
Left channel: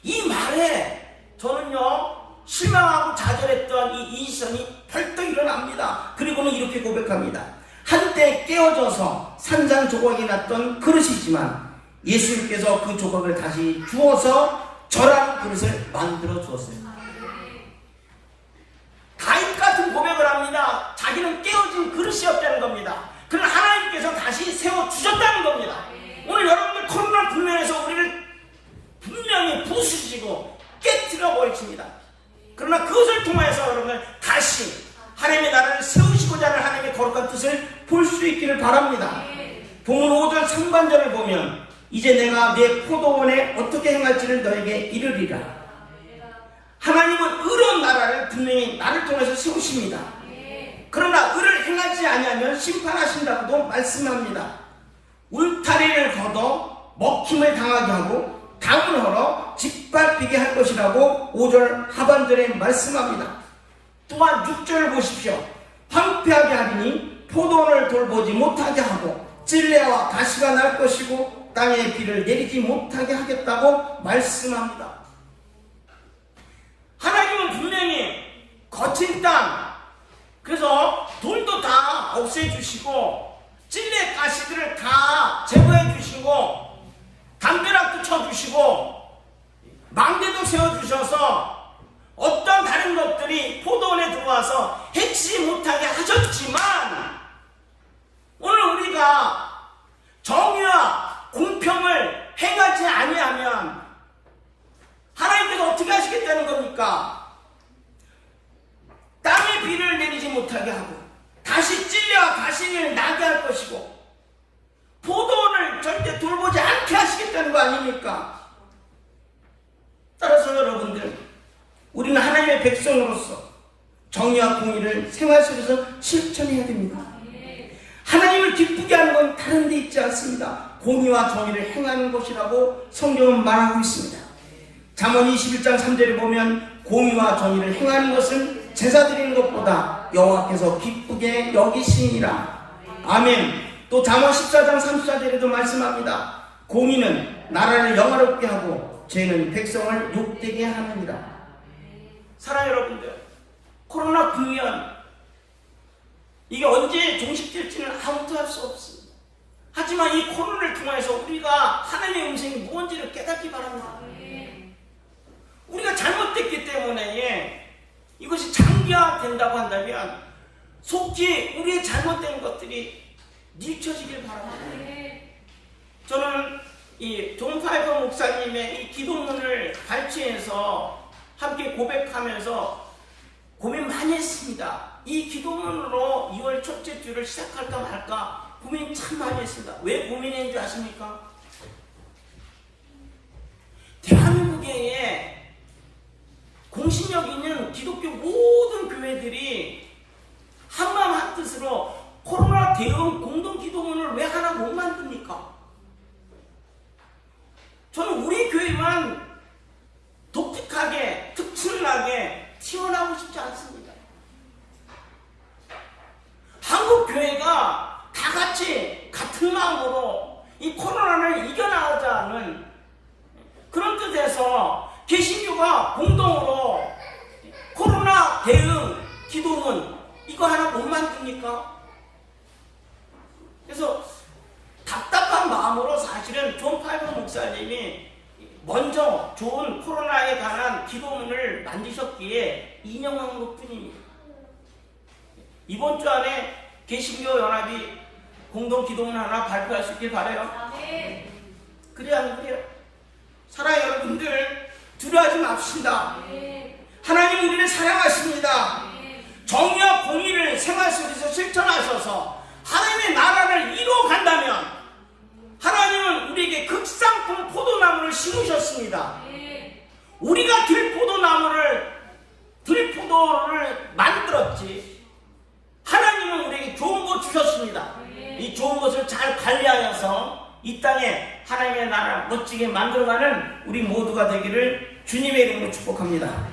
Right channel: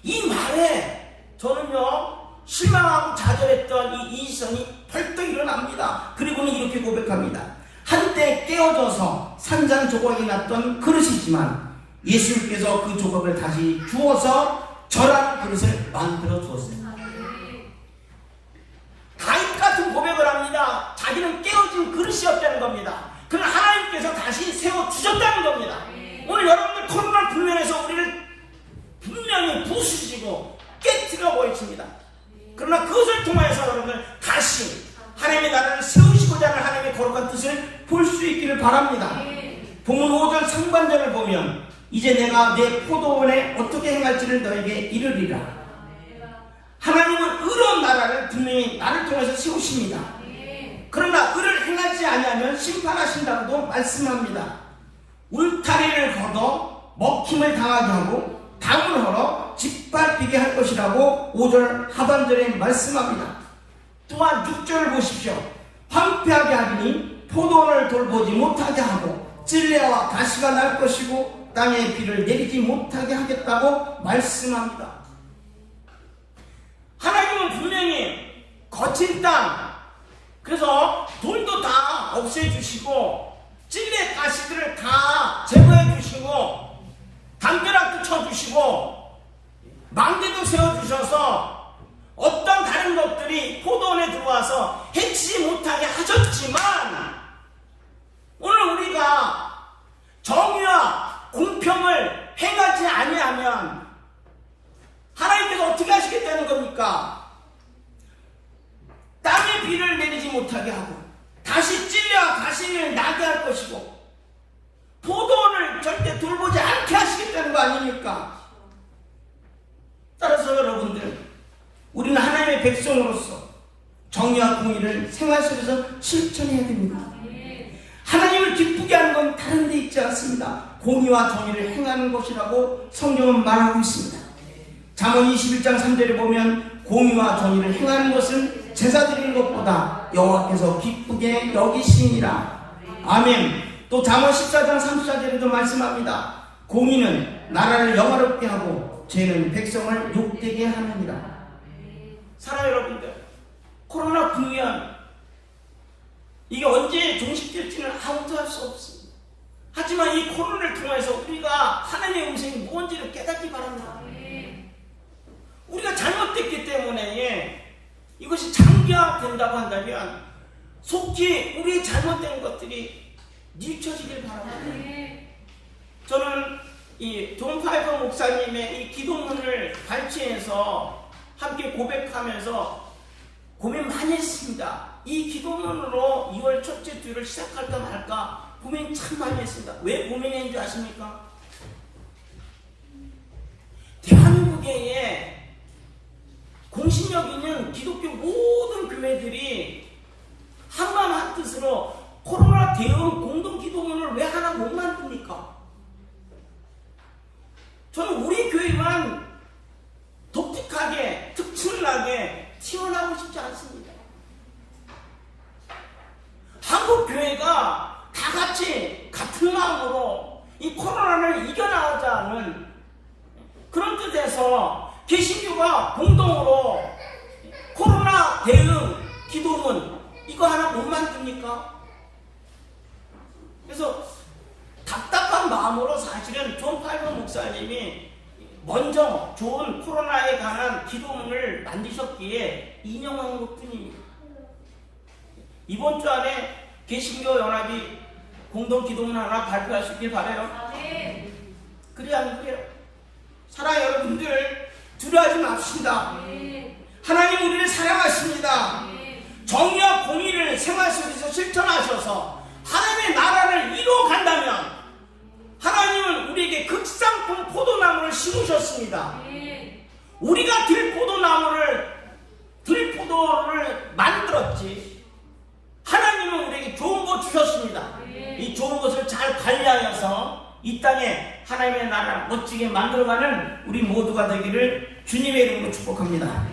이 말에 저는요 실망하고 좌절했던 이 이지선이 벌떡 일어납니다. 그리고는 이렇게 고백합니다. 한때 깨어져서 산산조각이 났던 그릇이지만 예수님께서 그 조각을 다시 주어서 저랑 그릇을 만들어 주었어요. 다윗 같은 고백을 합니다. 자기는 깨어진 그릇이었다는 겁니다. 그러나 하나님께서 다시 세워주셨다는 겁니다. 오늘 여러분들 코로나 국면에서 우리를 분명히 부수시고 깨트려 버리십니다. 그러나 그것을 통하여서 여러분들 다시 하나님의 나라를 세우시고자 하는 하나님의 거룩한 뜻을 볼 수 있기를 바랍니다. 본문 5절 상반절을 보면 이제 내가 내 포도원에 어떻게 행할지를 너에게 이르리라. 하나님은 의로운 나라를 분명히 나를 통해서 세우십니다. 그러나 의를 행하지 아니하면 심판하신다고도 말씀합니다. 울타리를 걷어 먹힘을 당하게 하고 담을 헐어 짓밟히게 할 것이라고 5절 하반절에 말씀합니다. 또한 6절을 보십시오. 황폐하게 하리니 포도원을 돌보지 못하게 하고 찔레와 가시가 날 것이고 땅에 비를 내리지 못하게 하겠다고 말씀합니다. 하나님은 분명히 거친 땅, 그래서 돌도 다 없애주시고 찔레 가시들을 다 제거해주시고 담벼락도 쳐주시고 망대도 세워주셔서 어떤 다른 것들이 포도원에 들어와서 해치지 못하게 하셨지만 오늘 우리가 정의와 공평을 행하지 아니하면 하나님께서 어떻게 하시겠다는 겁니까? 땅에 비를 내리지 못하게 하고 다시 찔레와 가시를 나게 할 것이고 포도원을 절대 돌보지 않게 하시겠다는 거 아닙니까? 따라서 여러분들 우리는 하나님의 백성으로서 정의와 공의를 생활 속에서 실천해야 됩니다. 하나님을 기쁘게 하는 건 다른 데 있지 않습니다. 공의와 정의를 행하는 것이라고 성경은 말하고 있습니다. 잠언 21장 3절에 보면 공의와 정의를 행하는 것은 제사 드리는 것보다 여호와께서 기쁘게 여기시니라. 아멘. 또 잠언 14장 34절에도 말씀합니다. 공의는 나라를 영화롭게 하고 죄는 백성을 욕되게 하느니라. 사랑하는 여러분들, 코로나 국면 이게 언제 종식될지는 아무도 할 수 없습니다. 하지만 이 코로나를 통해서 우리가 하나님의 음성이 무언지를 깨닫기 바랍니다. 우리가 잘못됐기 때문에 이것이 장기화된다고 한다면 속히 우리의 잘못된 것들이 뉘쳐지길 바랍니다. 저는 이 존 파이버 목사님의 이 기도문을 발췌해서 함께 고백하면서 고민 많이 했습니다. 이 기도문으로 2월 첫째 주를 시작할까 말까 고민 참 많이 했습니다. 왜 고민했는지 아십니까? 대한민국에 공신력 있는 기독교 모든 교회들이 한마음 한뜻으로 코로나 대응 공동 기도문을 왜 하나 못 만듭니까? 저는 우리 교회만 독특하게 특출나게 튀어나오고 싶지 않습니다. 한국 교회가 다 같이 같은 마음으로 이 코로나를 이겨나가자는 그런 뜻에서 개신교가 공동으로 코로나 대응 기도문 이거 하나 못 만듭니까? 그래서 답답한 마음으로 사실은 존 파이버 목사님이 먼저 좋은 코로나에 관한 기도문을 만드셨기에 인용한 것뿐입니다. 이번 주 안에 개신교 연합이 공동 기도문 하나 발표할 수 있길 바라요. 그래야 안 그래요? 사랑하는 여러분들, 두려워하지 맙시다. 하나님 우리를 사랑하십니다. 정의와 공의를 생활 속에서 실천하셔서 하나님의 나라를 이루어간다면 하나님은 우리에게 극상품 포도나무를 심으셨습니다. 우리가 들포도를 만들었지. 하나님은 우리에게 좋은 것 주셨습니다. 이 좋은 것을 잘 관리하여서 이 땅에 하나님의 나라를 멋지게 만들어가는 우리 모두가 되기를 주님의 이름으로 축복합니다.